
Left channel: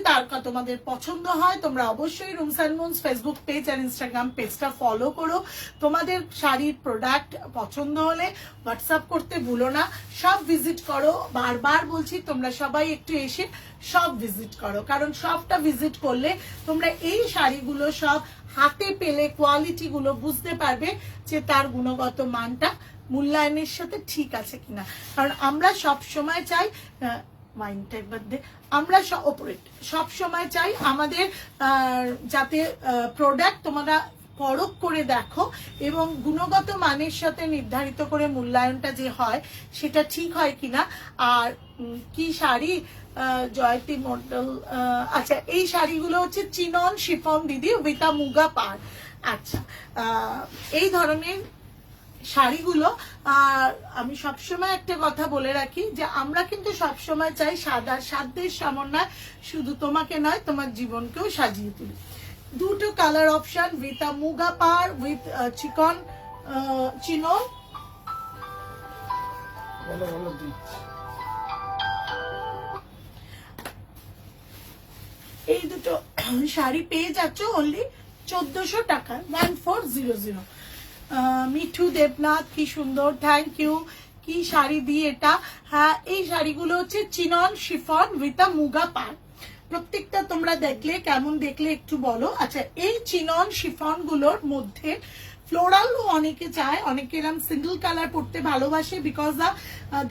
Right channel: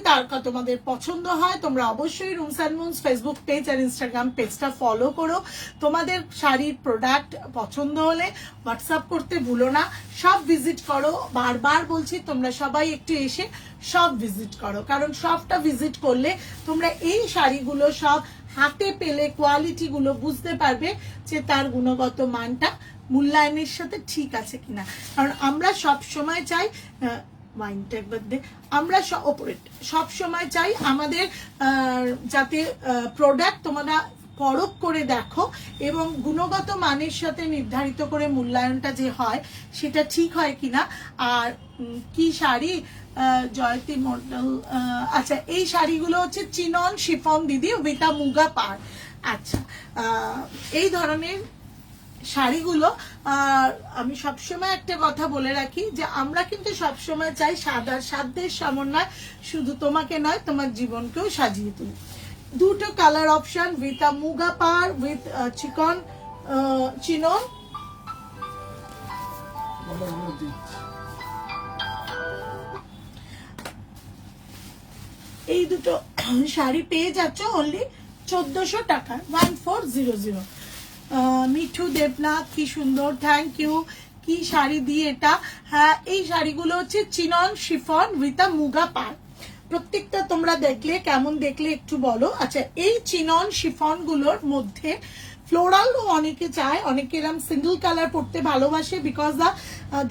তোমাদের পছন্দ হয়, তোমরা অবশ্যই Rooms and Moons Facebook page আর ইনস্টাগ্রাম পেজটা ফলো করো। তোমাদের শাড়ির প্রোডাক্ট পছন্দ হলে হোয়াটসঅ্যাপ করতে ভুলো না, সব ভিজিট করো। বারবার বলছি তোমরা সবাই একটু এসে সব ভিজিট করো, কারণ সবটা ভিজিট করলে তোমরা এই শাড়িগুলো সব হাতে পেলে কোয়ালিটি গুলো বুঝতে পারবে যে তার গুণগত মানটা মূল্যায়নের সাথে ঠিক আছে কিনা। কারণ আমরা সব সময় চাই, ওয়াইনটা একবার দে, আমরা সব সময় চাই আমাদের যাতে প্রোডাক্ট তোমরা পরখ করে দেখো এবং গুণগত মানের সাথে নির্ধারিত করে মূল্যায়নটা যে হয় সেটা ঠিক হয় কিনা। আর কি শাড়ি জয়তী মন্ডল, আচ্ছা এই শাড়িগুলো হচ্ছে চিনন শিফন দিদি উইথ মুগা পার। আচ্ছা, এই ধরনের শাড়িগুলো, আর আমি সবসময় একটা কথা বলে রাখি যে আমরা কিন্তু সবসময় চাই সাধ্যের সমন্বয়, শুধু তোমাকে নয় তোমার জীবনকেও সাজিয়ে তুলি। দুটো কালার অপশন, উইথ মুগা পার, উইথ চিনন। এই দুটো শাড়ি পেয়ে যাচ্ছ অনলি 1400 টাকা, 1400। মিঠু দেবনাথ, কি সুন্দর, থ্যাংক ইউ। কি শাড়ি দিয়ে এটা, হ্যাঁ এই শাড়িগুলো হচ্ছে চিনন শিফন উইথ মুগা পার। প্রত্যেকটা তোমরা দেখলে কেমন দেখলে একটু বলো। আচ্ছা, এই চিনন শিফন গুলোর মধ্যে ফ্লোরালও অনেকে চায়, অনেকে এরকম সিঙ্গেল কালার পরতে ভালোবাসে, বিকজ দা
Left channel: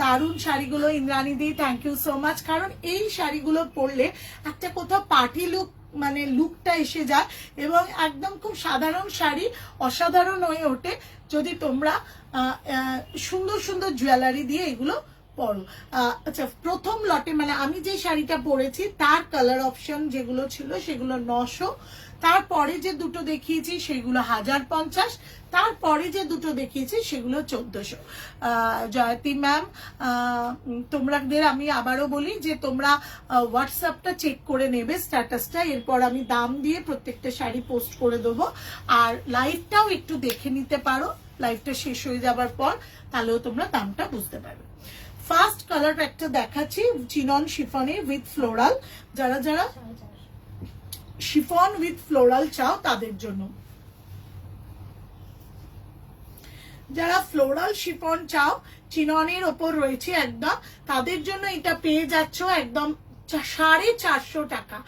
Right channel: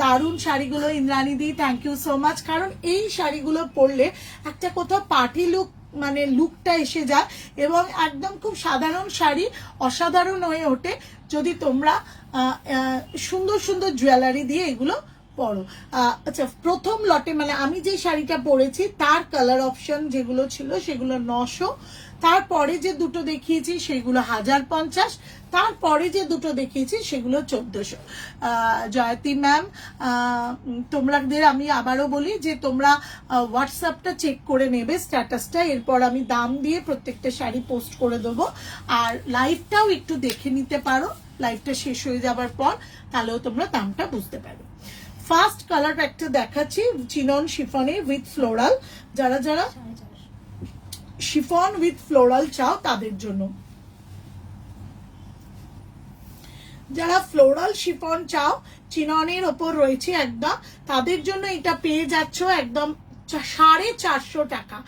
দারুণ শাড়িগুলো। ইন্দ্রাণী দি থ্যাংক ইউ সো মাচ। কারণ এই শাড়িগুলো পরলে একটা কোথাও পার্টি লুক, মানে লুকটা এসে যায় এবং একদম খুব সাধারণ শাড়ি অসাধারণ হয়ে ওঠে যদি তোমরা সুন্দর সুন্দর জুয়েলারি দিয়ে এগুলো পরো। আচ্ছা, প্রথম লটে মানে আমি যে শাড়িটা পরেছি তার কালার অপশন যেগুলো ছিল সেগুলো 900, তারপরে যে দুটো দেখিয়েছি সেগুলো 1050, তারপরে যে দুটো দেখিয়েছি সেগুলো 1400। জয়তী ম্যাম, তোমাদের আমি আবারও বলি যে তোমরা হোয়াটসঅ্যাপটা চেক করে নেবে স্ট্যাটাসটা, এরপর আমি দাম দিয়ে প্রত্যেকটা শাড়ি পোস্ট করে দেবো। আর লাইভটাও একটু দেখে নিতে পারো, লাইভটা শেষ হয়ে যাবার পর, তাহলেও তোমরা দামটা বুঝতে পারবে। ফার্স্ট কালার একটা দেখাচ্ছি চিনন শিফনে উইথ ফ্লোরাল। যারা যারা শিফন উইথ ফ্লোরাল চাও তাদের জন্য, যারা ফ্লোরাল শিফন চাও চিননের ওপর রয়েছে একদম, তাদের জন্য এটা পেয়ে যাচ্ছ একদম 450 টাকা,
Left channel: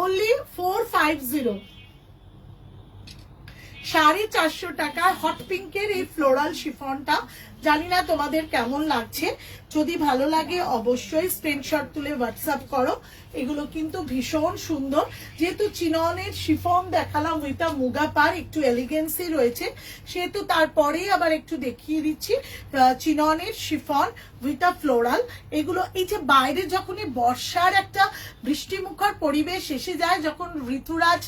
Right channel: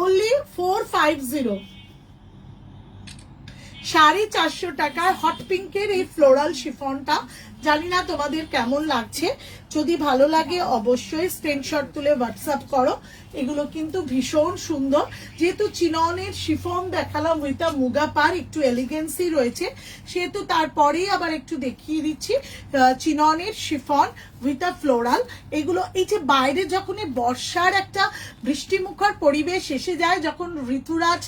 অনলি 450। 450 টাকার হট পিঙ্কের এই ফ্লোরাল শিফনটা, জানি না তোমাদের কেমন লাগছে, যদি ভালো লাগে অবশ্যই স্ক্রিনশট তুলে হোয়াটসঅ্যাপ করো। এগুলো কিন্তু ভীষণ সুন্দর, যেহেতু চিননের শিফন দেখালাম উইথ মুগা পার, একটু এলিগেন্সি রয়েছে, সেহেতু তারপরেই আবার একটু দেখিয়ে দিচ্ছি চিননের শিফন উইথ ফ্লোরাল। এগুলো এই যে বাইরে যখন বর্ষার একটা বৃষ্টিমুখর পরিবেশ এসে যায়, যখন ঋতুরাজ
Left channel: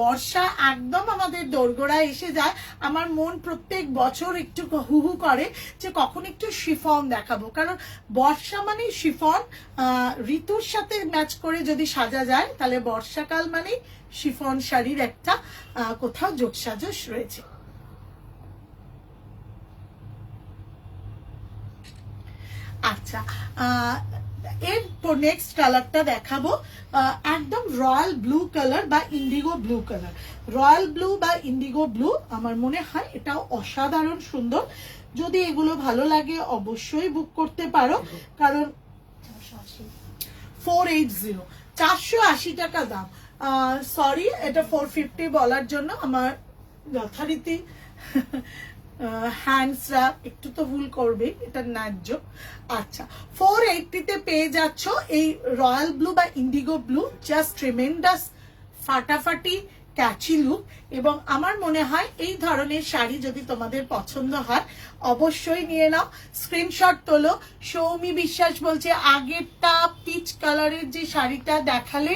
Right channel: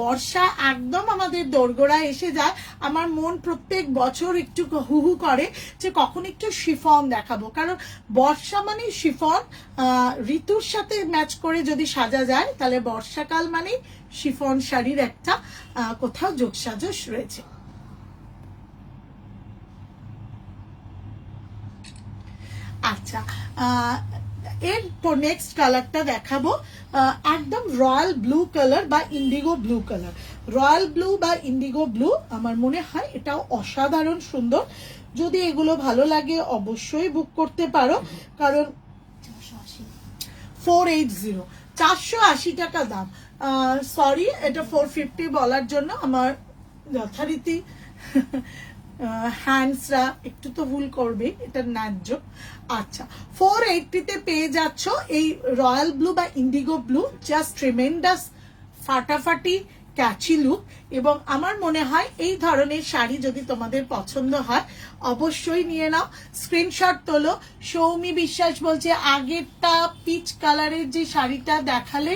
বর্ষা একদম আমাদের দোরগোড়ায় এসে যায়, আমার মন প্রত্যেক বছর একটু হু হু করে যে কখন একটু শিফন দেখাবো, কারণ বর্ষা মানে শিফন। ঋতুর সাথে ম্যাচ করে যদি সাজা যায় তাহলে বর্ষাকাল মানে শিফন শাড়ির একটা কোথাও যোগসাজশ রয়েছে। আচ্ছা, এরপর নেক্সট কালারটা দেখাবো একদম রয়্যাল ব্লু কালার বা Indigo blue colour. Royal blue বা ইন্ডিগো ব্লু আমার মনে হয় এটাও অসাধারণ সুন্দর। যদি এগুলো ভালো লাগে অবশ্যই বুক করতে পারো, কারণ 480 টাকা দাম। সরি, এটা 450 বলার জন্য আমার যথারীতি হ্যান্ডসরা একটু তো ভুল করবে, এটা ন্যায্য। আচ্ছা, 480 পেয়ে যাচ্ছ এই রয়্যাল ব্লু বা ইন্ডিগো ব্লু। জাস্ট ট্রিমেন্ডাস ফাটাফাটি ক্যাচি লুক, এবং আমার মনে হয় এই ধরনের শাড়ি যদি তোমাদের পছন্দ হয় অবশ্যই নিয়ে নাও, স্ক্রিনশট তোলো। সৌমি বিশ্বাস বলছে আগেরটা পিচ কালারের যে শাড়িটা দেখালে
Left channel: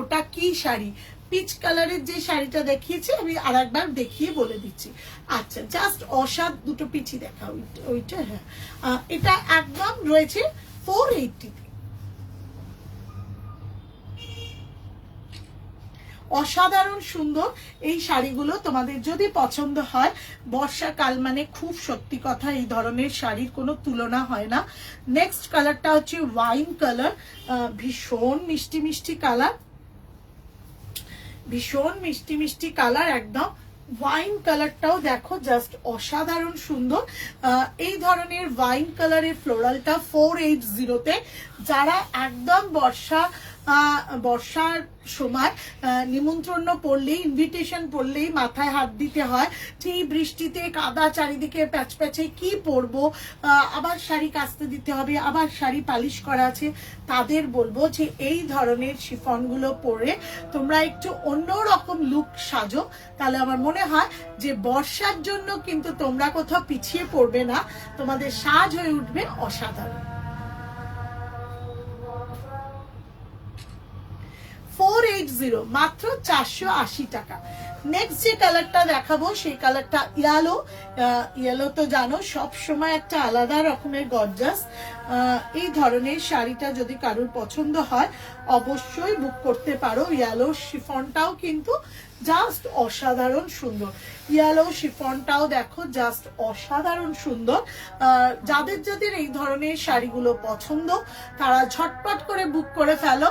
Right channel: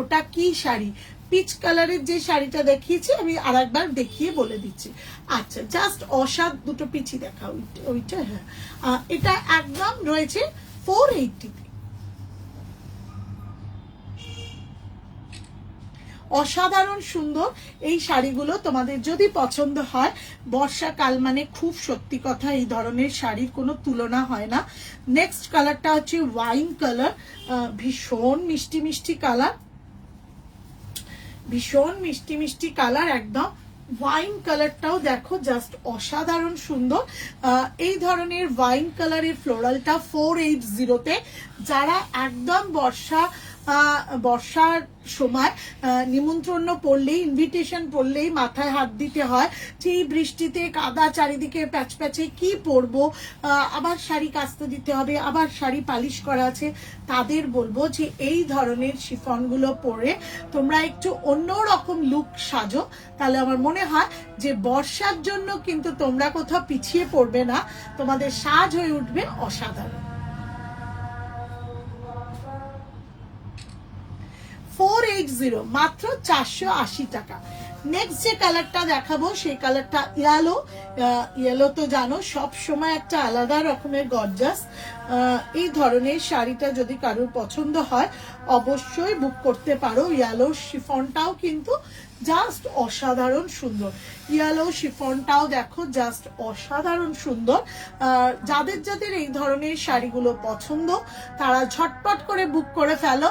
ওটা কি শাড়ি? পিচ কালারের যে শাড়িটা দেখিয়েছি আমি আর একবার দেখিয়ে বলে দিচ্ছি। আচ্ছা, জাস্ট অসাধ দুটো পিচি দেখা, ওইটা হ্যাঁ, এটা একদম রয়েছে 480। অসাধারণ সুন্দর এই শাড়িগুলো তোমাদের যদি পছন্দ হয়। বর্ষাকাল মানে খুব সত্যি কথা এই ধরনের শাড়ির কোনো তুলনা হয় না। নেক্সট কালারটা হচ্ছে ওয়াইন কালার, ভীষণ মিষ্টি মিষ্টি কালার, ভীষণ মিষ্টি মিষ্টি কালার একদম। ওয়াইন কালারটাও দেখো জাস্ট অসাধারণ সুন্দর। এই ধরনের ওয়াইন কালারের ফ্লোরালটা 480-তে। যারা একদম বর্ষার সময় নিমন্ত্রণ পড়লেই, ইনভিটেশন পড়লেই মাথায় হাত দিতে হয় যে এই বৃষ্টিতে কাদা চারিদিকে প্যাচ প্যাচে কি পরবো, আবার শাড়ি কাচতে দিতে হবে, আবার শাড়ি পালিশ করা আছে, তাদের বলবো যে এই ধরনের শিফনগুলো পরে তোমরা একটু অন্যরকম লুক সাজো, তাহলে আমার মনে হয় যে বর্ষার জন্য কিন্তু তোমরা কোথাও পিছিয়ে পড়বে না, তোমাদের সাজ হয়ে উঠবে অসাধারণ। 480, মাত্র 480 টাকা। নেক্সট যে কালারটা দেখাবো সেই কালারটা ইয়েলো। ইয়েলো তো জানো সব সময় একটা আলাদা রকমের গর্জাস। এই ধরনের শাড়িটা যদি কারোর পছন্দ হয় অবশ্যই বুক করতে পারো। ইয়েলো শিফনটাও কিন্তু জাস্ট অসাধারণ সুন্দর। ইয়েলো শিফনটাও দেখো জাস্ট অসাধারণ সুন্দর। যাদের যাদের এই ধরনের শাড়িগুলো পছন্দ তারা ঝটপট করে বুক করে ফেলো,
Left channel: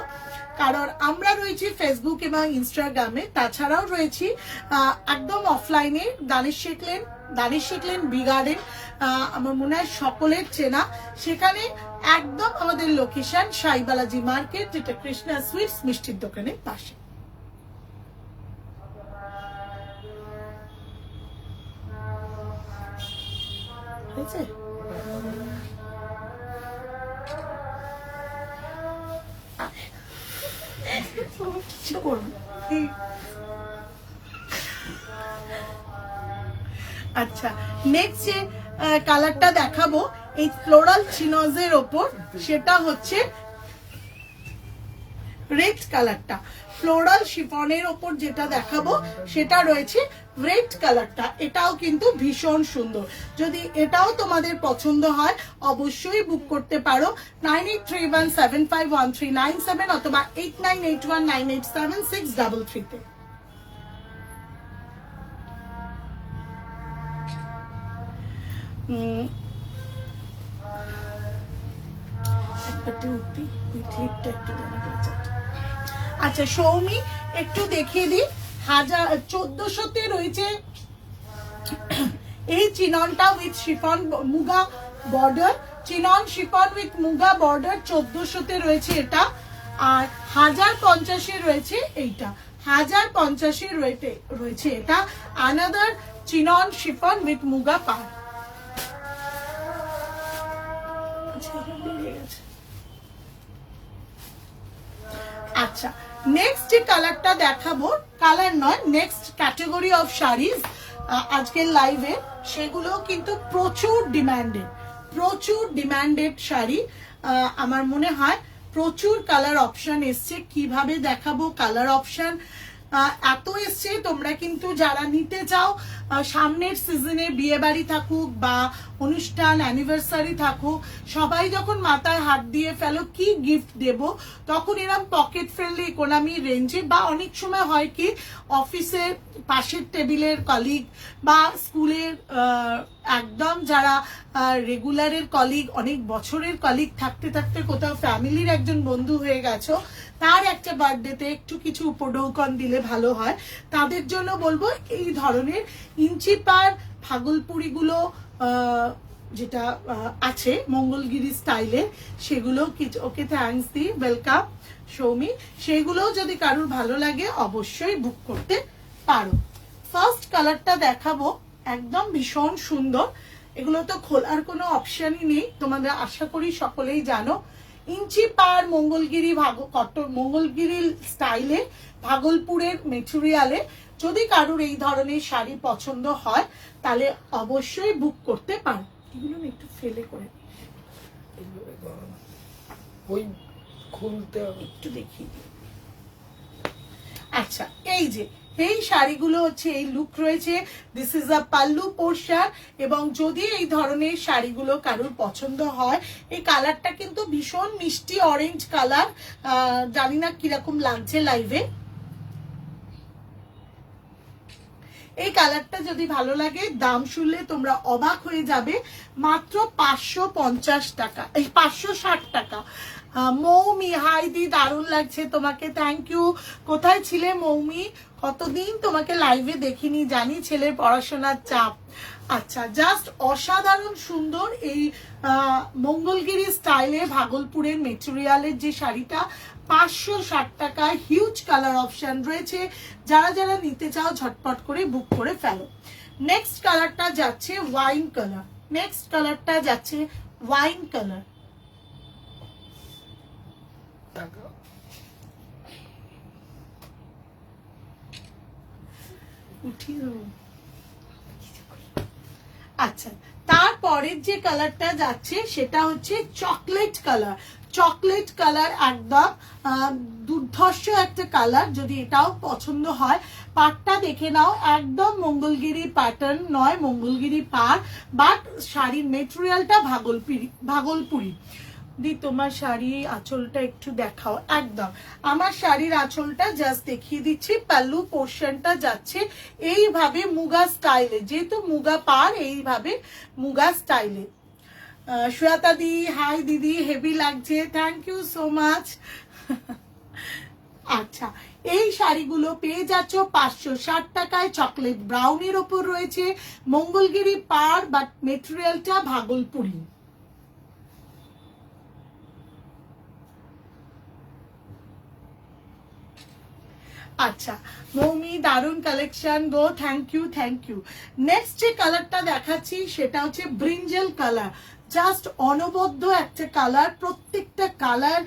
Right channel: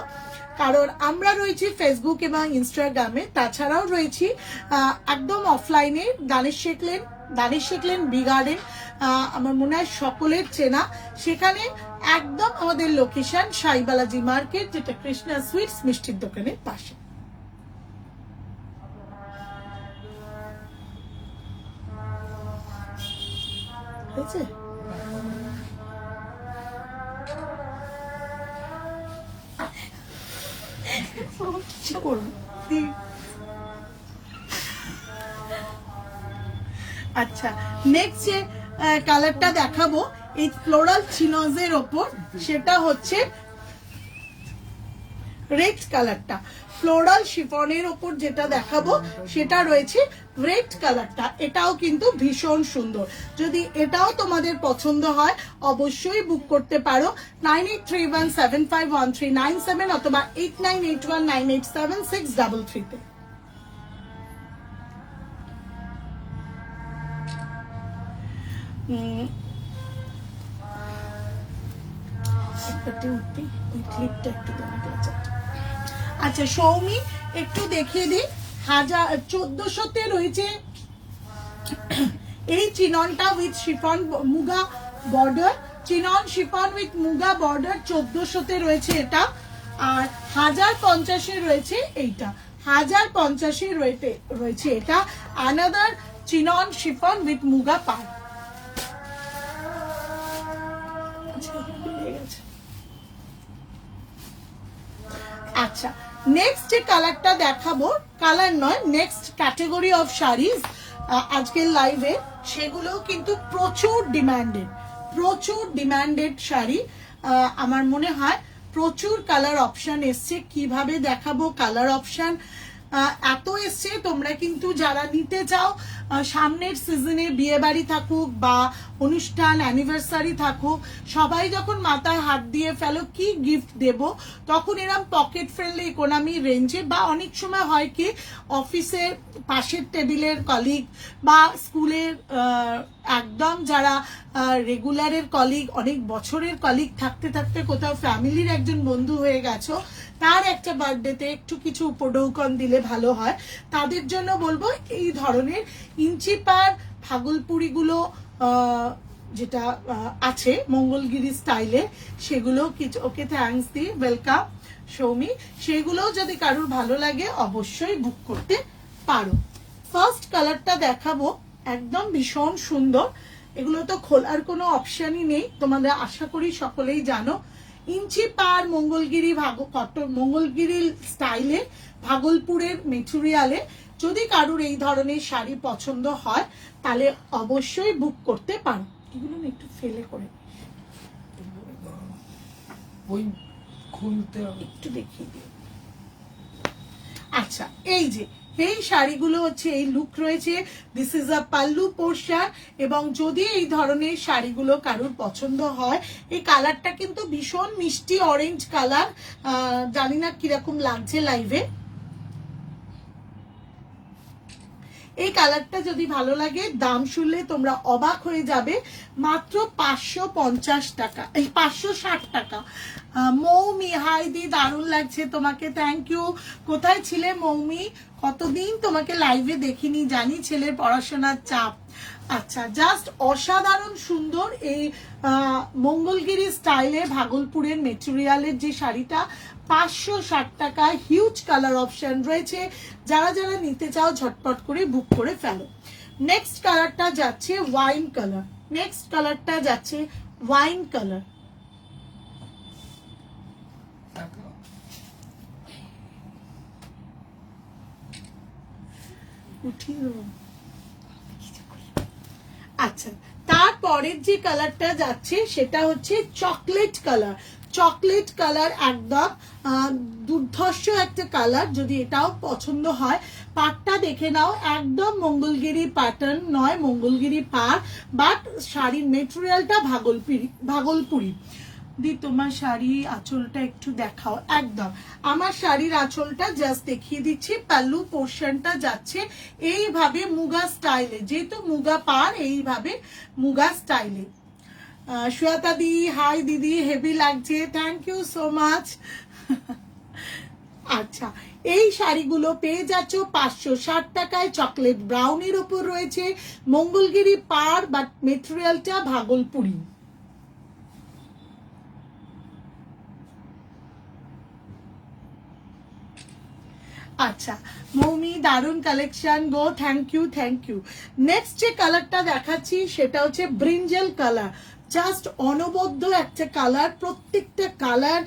কারণ আমরা রয়েছি ফেসবুক এবং ইনস্টাগ্রামে, তাছাড়াও রয়েছি একদম অফলাইনে Danish Sheikh lane B garden, আমার মনে হয় সকলের চেনা। সেখানে একদম আমাদের লোকেশন সাইবালাজি মার্কেট, যেটা কৃষ্ণা সুইটস মিষ্টির দোকানের পাশে। হয়েছে? আচ্ছা, নেক্সট যে কালারটা দেখাবো এই ফ্লোরাল চিনজের ওপর, সেটা হচ্ছে রেড কালারটা। ফ্লোরাল শিফনের ওপর যেটা দেখাবো সেটা রয়েছে রেড কালারটা। এটাও কিন্তু ভীষণ সুন্দর। যদি এটাও তোমাদের পছন্দ হয় অবশ্যই বুক করতে পারো 9831751397 অথবা 8981987633 তে। আচ্ছা সৌমি একটু দেখিয়ে দিই, 1400-তে রয়েছে এই চিননটা with chiffon muga border. Chinon chiffon with muga border 1400-তে রয়েছে এটা, আর 1050-এ রয়েছে এইটা। 1050-এ রয়েছে এটা। Another chinon chiffon with muga পার। আচ্ছা, নেক্সট যে কালারটা দেখাবো, কালার নয় নেক্সট ক্যাটাগরি অফ শাড়িজ আজকের লাইভে, সেগুলো কিন্তু প্রচুর ডিমান্ডেড শাড়ি। আমার মনে হয় প্রচুর কালার অপশন এসছে, কিভাবে দেখাবো কালার অপশন এত এসছে। তোমরা কিন্তু যারা নিতে চাও সামনের সিজনে বিয়ে বাড়ি থাকুক বা অনুষ্ঠান অ্যানিভার্সারি থাকুক, সবাই যখন মাথায় হাত দিয়ে ফেলো কি গিফট দেব, তখন এরকম পকেট ফ্রেন্ডলি ইকোনমি রেঞ্জে বা অনেক সময় হয় কি অফিসের পাশের টেবিলের কলিগ বা স্কুলের একদম যারা রেগুলারের কলিগ, অনেক বছরের কলিগ থাকতে থাকতে কোথাও ফ্যামিলির একজন বন্ধু হয়ে গেছো, তার একটা বার্থডেতে একটু কিছু উপঢৌকন দিলে ভালো হয়। তাদের জন্য বলবো এই ধরনের ইঞ্চি পার ভাগলপুরি গুলো যেটা আছে মঙ্গলগিরি স্টাইলে, সেগুলো কিছু ওকে থ্যাঙ্কস দি ওয়েলকাম সৌমি, সেগুলো যদি কারোর ভালো লাগে অবশ্যই বুক করতে পারো। ফার্স্ট কালারটা দেখাবো, একদম ভীষণ সুন্দর। এগুলো তো খোলার কোনো অপশনই নেই, তোমাদের আশা করি সকলেই জানো। ইঞ্চি পার মঙ্গলগিরি মঙ্গলগিরি স্টাইলে ভাগলপুরের মেটেরিয়ালে যদি কারোর এই ধরনের শাড়ি পছন্দ হয় তাহলে অবশ্যই বুক করতে পারো। এগুলো আমি একটু ফেলে করে ওই খুলতে একটু দেখিয়ে দিই। আচ্ছা, এই যে এই শাড়িগুলো হচ্ছে এই লুক রয়েছে, this is a pallu portion. এবং যদি এই ধরনের শাড়িগুলো কারোর পছন্দ হয়, এই কালারটা কিন্তু ভীষণ মিষ্টি অরেঞ্জ কালার, জানি না কিরকম লাগছে লাইভে। এই কালারটা যদি ভালো লাগে, দাম শুনলে তোমরা অবাক হয়ে যাবে, মাত্র 550 টাকা, এই 560 টাকা। মৌমি হাই দি, দারুণ লাগছে তোমাকে, থ্যাংক ইউ। কোথায় ছিলে মৌমি, কতদিন তোমাকে লাইভে দেখিনি, জানি ছেলের পড়াশোনার চাপ। আচ্ছা, জাস্ট অসাধারণ সুন্দর এই মঙ্গলগিরি স্টাইলে ভাগলপুরের মেটেরিয়ালের যে শাড়িটা 560 টাকায়, হিউজ কালার অপশন রয়েছে। যারা যারা নিতে চাও ঝটপট করে বুক করে ফেলো। নেক্সট কালারটা যাচ্ছে ওয়াইন কালার, নেক্সট কালারটা যাচ্ছে ওয়াইন কালার। আচ্ছা, তারপরের যে কালারটা যাচ্ছে সেটা হচ্ছে চকলেট কালার। চকলেট কালার একদম দুর্ধর্ষ একটা কালার। যদি এটাও পছন্দ হয়, পাটটা দেখে নাও, একদম মঙ্গলগিরি প্যাটার্ন নয়, মঙ্গলগিরি পাট, বাট শাড়ির মেটেরিয়ালটা ভাগলপুরি। দি তোমার শাড়ি আঁচলটা একটু দেখাও। একদম আমার শাড়ির আঁচলটা জাস্ট দেখিয়ে দিচ্ছি। পাল্লু পোর্শনটা যাচ্ছে এইভাবে মুগা স্টাইলে, যেহেতু মুগা পার, এইভাবে মুগা স্টাইলে। শ্বেতা দি হাই দিদি, হেভি লাগছে, থ্যাংক ইউ সো মাচ। আচ্ছা, এই শাড়িগুলো পেয়ে যাচ্ছ 560 টাকায়। চকলেট ব্রাউনের ওপর রয়েছে, মঙ্গলগিরি পার, বাট মেটেরিয়ালটা ভাগলপুরি। আচ্ছা মৌমি, দারুন কালেকশন গো, thank you thank you. Next যে কালারটা দেখাচ্ছি সেটা হচ্ছে ব্রিঞ্জেল কালার। জাস্ট অনবদ্য একটা কালার, প্রত্যেকটা কালার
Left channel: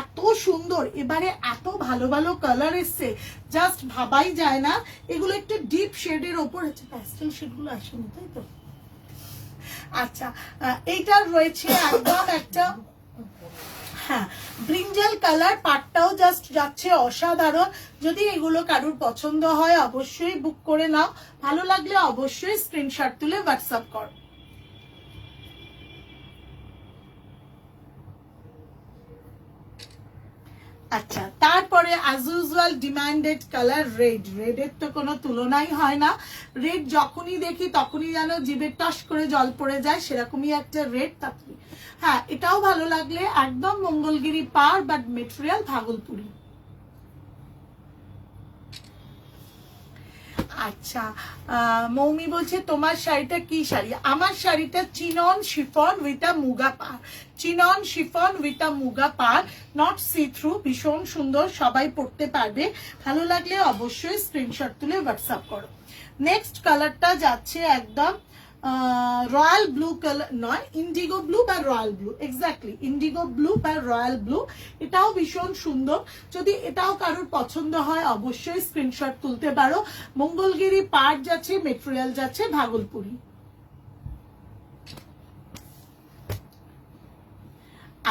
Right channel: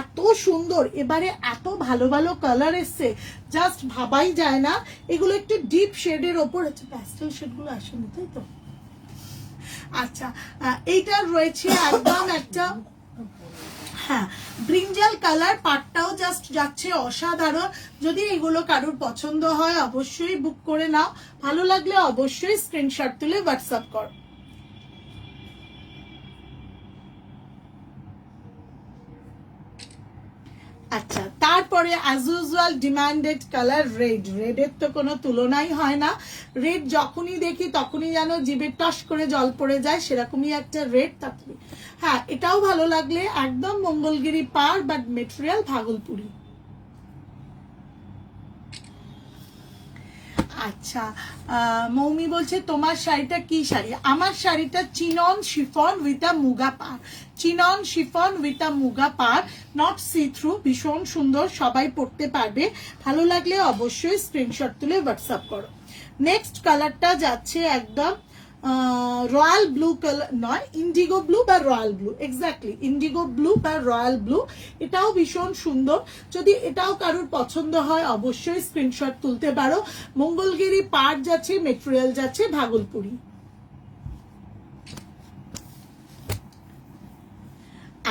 এত সুন্দর। এবারে এত ভালো ভালো কালার এসছে, জাস্ট ভাবাই যায় না। এগুলো একটু ডিপ শেডের ওপর আছে, প্যাস্টেল শেডগুলো আসেনি তাই তো। আচ্ছা, এইটা রয়েছে একদম একটা, হ্যাঁ, ব্রিঞ্জাল কালার, পাটটাও জাস্ট যাচ্ছে অসাধারণ। যদি এগুলো কারোর পছন্দ হয় অবশ্যই বুক করে নাও, ভালো লাগলে অবশ্যই স্ক্রিনশট তুলে হোয়াটসঅ্যাপ করো। আচ্ছা, তারপরে as usual demanded colour red. রেডের তো কোনো তুলনাই হয় না। রেড যখনই দেখি তখনই যেন জিভে টস করে জল পড়ে যায়, সেরকমই একটা রেড। তারপরে হ্যাঁ, এটাও ভালো লাগলে, একদম মঙ্গলগিরি পার, বাট মেটেরিয়াল ভাগলপুরি। আচ্ছা, মৌমি বলছে তোমার শাড়িটা কি শাড়ি? আমার শাড়িটা chinon chiffon with a muga per. Chinon chiffon with a muga per, not see through, ভীষণ সুন্দর, সবাই পড়তে পারবে। ভালো লাগলে অবশ্যই স্ক্রিনশট তুলে হোয়াটসঅ্যাপ করো। নেক্সট কালারটা যাচ্ছে একদম রয়্যাল ব্লু কালার, নয় ইন্ডিগো ব্লু বা royal blue, exactly Indigo blue বা রয়্যাল ব্লু। এটাও ভীষণ সুন্দর। যদি এটাও কারোর পছন্দ হয় অবশ্যই স্ক্রিনশট তুলতে পারো। মঙ্গলগিরি পাট যাচ্ছে, মেটেরিয়াল যাচ্ছে ভাগলপুরি।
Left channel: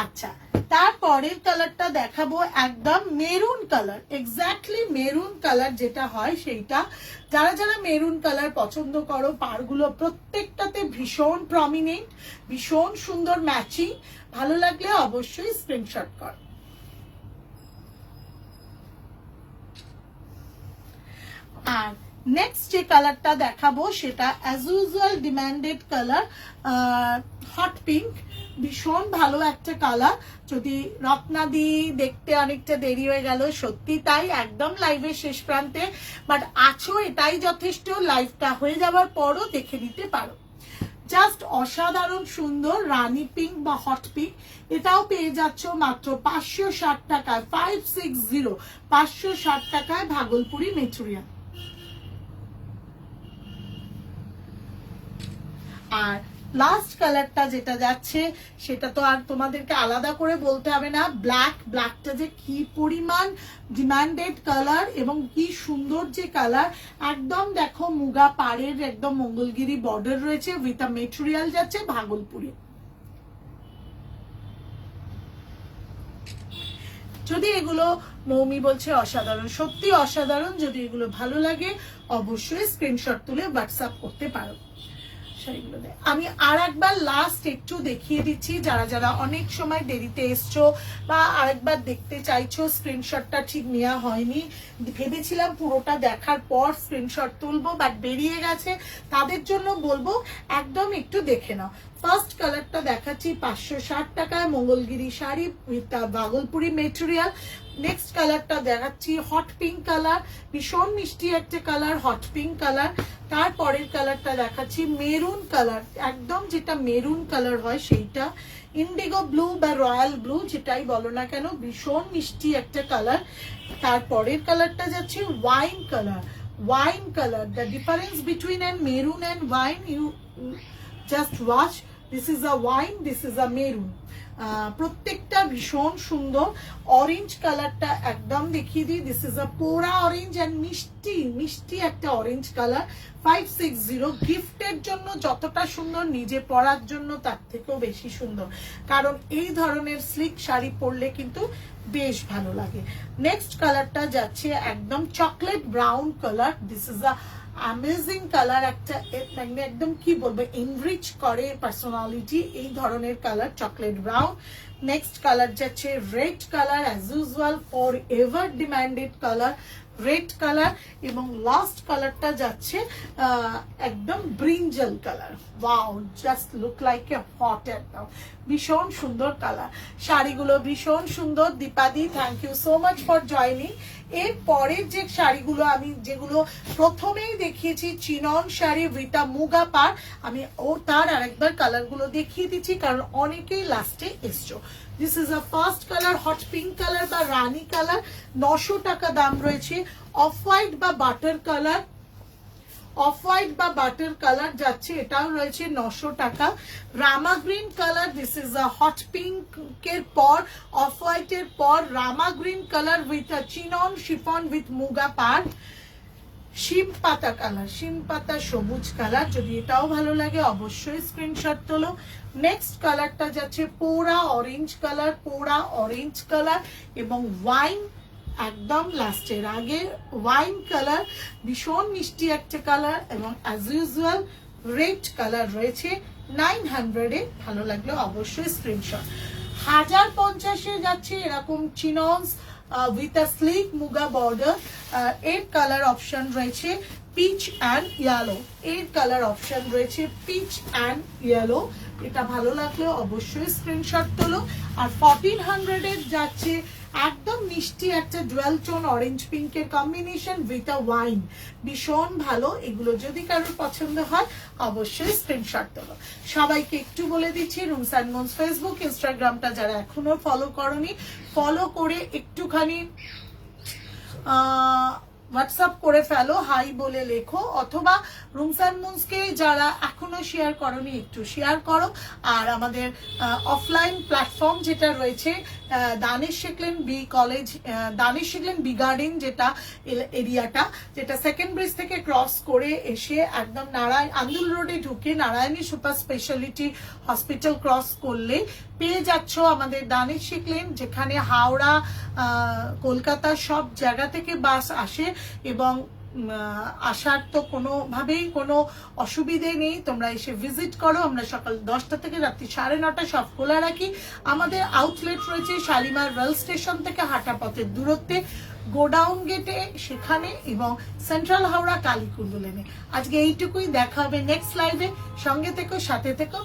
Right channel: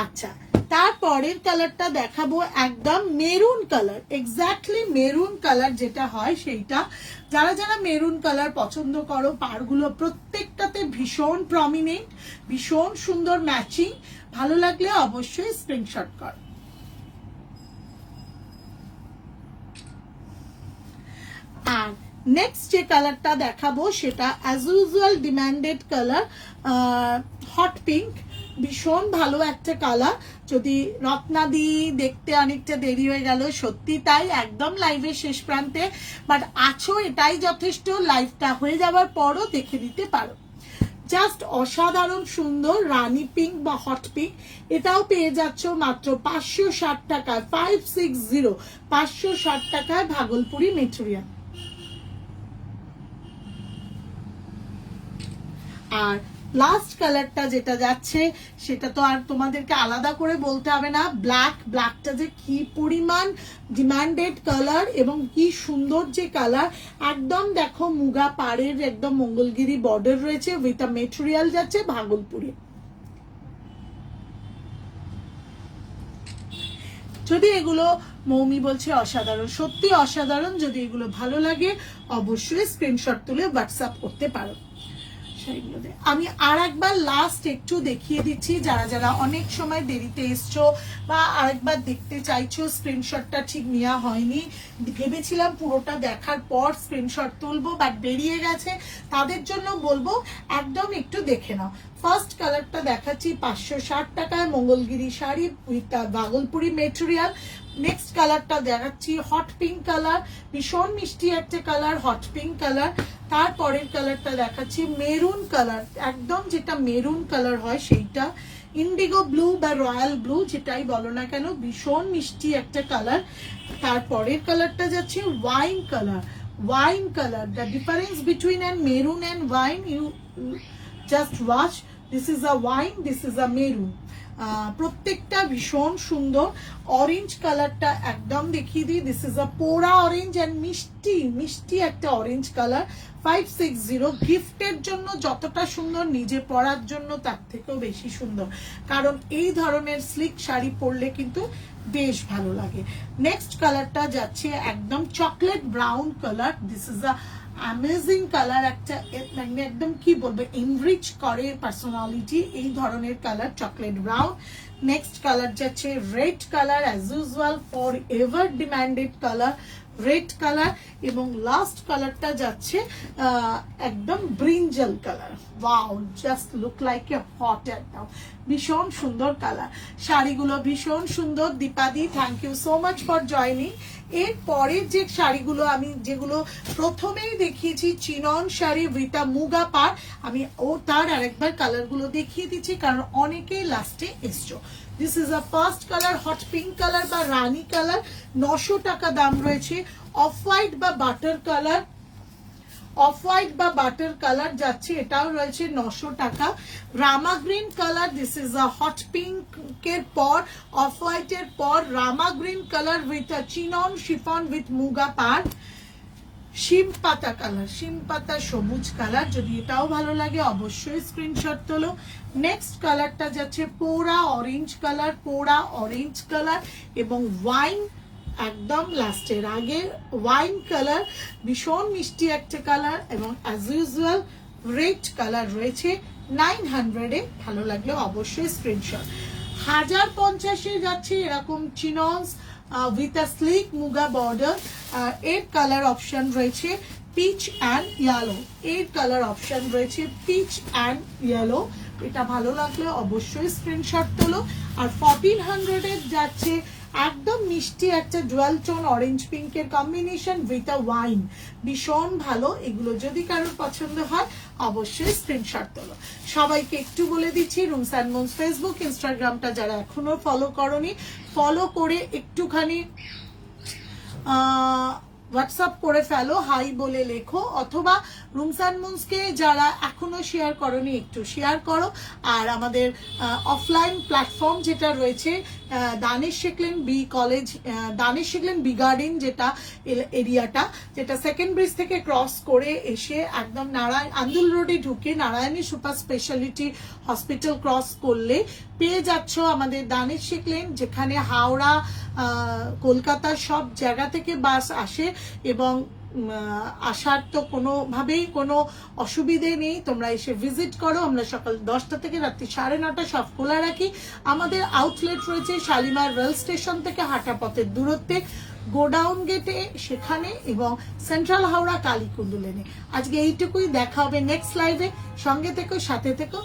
আচ্ছা, তারপরের কালারটা দেখাবো একদম maroon colour, exactly maroon colour যেটা হয় সেইটা। যারা যারা মেরুন কালার পছন্দ করো, পাড়গুলো প্রত্যেকটাতে ভীষণ প্রমিনেন্ট, ভীষণ সুন্দর ম্যাচিং, ভালো লাগলে অবশ্যই স্ক্রিনশট কর। আর নেক্সট যে কালারটা দেখাবো সেটা as usual demanded colour, hot pink, ভীষণ ভালো একটা কালার। যদি রত্নাদি দেখতে অনেকটা দেরি হয়ে গেল, সত্যি তাই, একদম লাইভের শেষ প্রান্তে, বাট আছো এটাই যথেষ্ট। লাইভটা হয়ে যাওয়ার পরও দেখে দিতে পারো। জাস্ট অসাধারণ সুন্দর রানী পিঙ্ক বা হট পিঙ্ক, এটাও পেয়ে যাচ্ছ মাত্র 560 টাকায়, 560, 560 টাকায় ভাগলপুরি মেটেরিয়াল। আর লাস্ট কালারটা যেটা যাচ্ছে সেটা তো আর তোমাদেরকে আলাদা করে বলতে হবে না, ব্ল্যাক। ব্ল্যাকটা যে কি পরিমাণ ডিমান্ডেড কালার এবং কি সুন্দর যে কালার, একদম দেখো মুগা পাড়ের একদম মঙ্গলগিরি বর্ডার রয়েছে, উইথ আ মেটেরিয়াল যাচ্ছে ভাগলপুরি। যদি এগুলো মৌমি বলছে অসাধারণ, সত্যি অসাধারণ। যদি এগুলো ভালো লাগে অবশ্যই স্ক্রিনশট তুলে হোয়াটসঅ্যাপ করতে পারো। আমি আর একবার লাস্ট একটু দেখিয়ে দিচ্ছি, যারা যারা অনেক সময় দেরিতে এসছো বা আরেকবার দেখতে চাইছো, স্ক্রিনশটটা ঠিক নেওয়া হয়নি, ভেবেছিলাম পুরোটা দেখার পর স্ক্রিনশট তুলবো বাট বেরিয়ে গেছে, তাদের জন্য বলবো একদম একটু দেখে নাও। ফার্স্ট কালারটা দেখাচ্ছি 560 টাকায় Mangalagiri sari with Bhagalpuri material. Next কালারটা দেখাচ্ছি হট পিঙ্ক কালার, ভীষণ মিষ্টি একটা কালার, হট পিঙ্ক কালার। তারপরের কালারটা দেখাচ্ছি মেরুন কালার, একদম যেটা মেরুন কালার হয় সেইটা, ইন্ডিগো ব্লু বা রয়্যাল ব্লু যেটাই বলো না কেন, ভীষণ মিষ্টি একটা কালার। তারপরের কালারটা যাচ্ছে wine colour, wine colour. The difference between an maroon and wine, you just watch, this is a wine, this is a maroon. প্রত্যেকটা ভীষণ সুন্দর। অরেঞ্জ কালারটা একদম দেখিয়ে দিই, দিস ইজ আ পোড়া অরেঞ্জ অ্যান্ড মিষ্টি মিষ্টি একটা অরেঞ্জ কালার, 560। গিফটের জন্য যতটা সুন্দর, নিজে পরার জন্য তার থেকেও বেশি সুন্দর, কারণ এই ধরনের স্লিক শাড়ি পরলে কিন্তু বেশ ভালো লাগে। নেক্সট কালারটা যাচ্ছে একদম chocolate brown colour, this is a amazing colour, একটা একদম কি বলবো এনরিচ করে পার্সোনালিটি, এই ধরনের colour chocolate brown. Next colour যাচ্ছে red colour, as usual forever demanded colour, red colour. এবং লাস্ট কালারটা যাচ্ছে একদম brinjal colour. Wow, just look like a hot, একদম ভীষণ সুন্দর কালার। শাড়িগুলো ভীষণ সুন্দর। দীপাদি, thank you so much for joining. এর পরের যে শাড়িগুলো আমি যেগুলো প্রথমেই দেখিয়েছি, chinon sari with a muga পাড়, আমি তার আরেকবার কালারগুলো দেখিয়ে দিচ্ছি কারণ অনেকেই লাস্টে এসছো। This is a first colour, hot pink colour বা রানী কালার, 900 টাকা দাম রয়েছে। অফ হোয়াইট বা বাটার কালার, অফ হোয়াইট বা বাটার কালার যাচ্ছে, এটাও রয়েছে 900 টাকা। Rama green colour, this is a hot পিঙ্কের পর, অফ হোয়াইটের পর Rama green colour with a chinon chiffon with muga পাড়। শিম পাতা কালার, শিম পাতা সবুজ কালার, যদি এটাও ভালো লাগে অবশ্যই স্ক্রিনশট তোলো। নেক্সট কালারটা যাচ্ছে পোড়া অরেঞ্জ কালার, পোড়া অরেঞ্জ কালার এবং ওয়াইন, একদম লাস্টের আগে ওয়াইন কালার, ভীষণ মিষ্টি একটা কালার। এবং অ্যাজ ইউজুয়াল রেড কালার রয়েছে 900-এ, ভালো লাগলে অবশ্যই স্ক্রিনশট। 1050-এ যাচ্ছে এরকম chinons with a sleek muga border. এর কালার অপশন রয়েছে পিচ অ্যান্ড ইয়েলো, এর কালার অপশন রয়েছে পিচ অ্যান্ড ইয়েলো। এটা ভালো লাগলে অবশ্যই স্ক্রিনশট তোলো। আর 1400-এর যাচ্ছে একদম মিষ্টি একটা জুয়েল টোন অরেঞ্জ পিঙ্কের কম্বিনেশন উইথ আ ওয়াইন, ভীষণ ভালো। এগুলো যদি কারোর পছন্দ হয় অবশ্যই স্ক্রিনশট তোলো। সবাইকে একটু বলে দিচ্ছি, রুমস অ্যান্ড মুনস ফেসবুক ইনস্টাগ্রামটা যারা এখনো ফলো করোনি, ফলো করে একটুখানি হোয়াটসঅ্যাপ করে ফেলো, হাই বলে লেখো, অথবা রুমস অ্যান্ড মুনসকে যারা এখনো শেয়ার করনি একটু শেয়ার করো। আর আমাদের অফলাইন প্ল্যাটফর্ম যেটা রয়েছে দানিশ শিখলেন বি কলেজ, দানিশ শিখলেন বি গার্ডেন, যেটা এরিয়াটা, যেটা সেকেন্ড ব্রিজ থেকে ক্রস করে এসে একদম আন্দুল রোডে ঢুকে Narayani super speciality hospital cross করলে পেয়ে যাচ্ছ আমাদের দানিশ শিখলেন, যেখানে হাওড়া, কলকাতা সব জায়গা থেকে বাস আসে এবং আসার তো কোনোভাবেই কোনো অসুবিধে নেই। তোমরা এসে ভিজিট করো। আমরা সকাল 10টা থেকে রাত্রি 9:30 সব খোলা রাখি। আমাদের আউটলেট রয়েছে শালিমার রেল স্টেশন থেকে হাঁটা পথের দূরত্বে, গোডাউন গেটে সেখানে, এবং সেন্ট্রাল হাওড়া কালীকুণ্ড লেনে। আজকে এইটুকুই, দেখা হবে নেক্সট লাইভে। সঙ্গে থেকো, সাথে থেকো।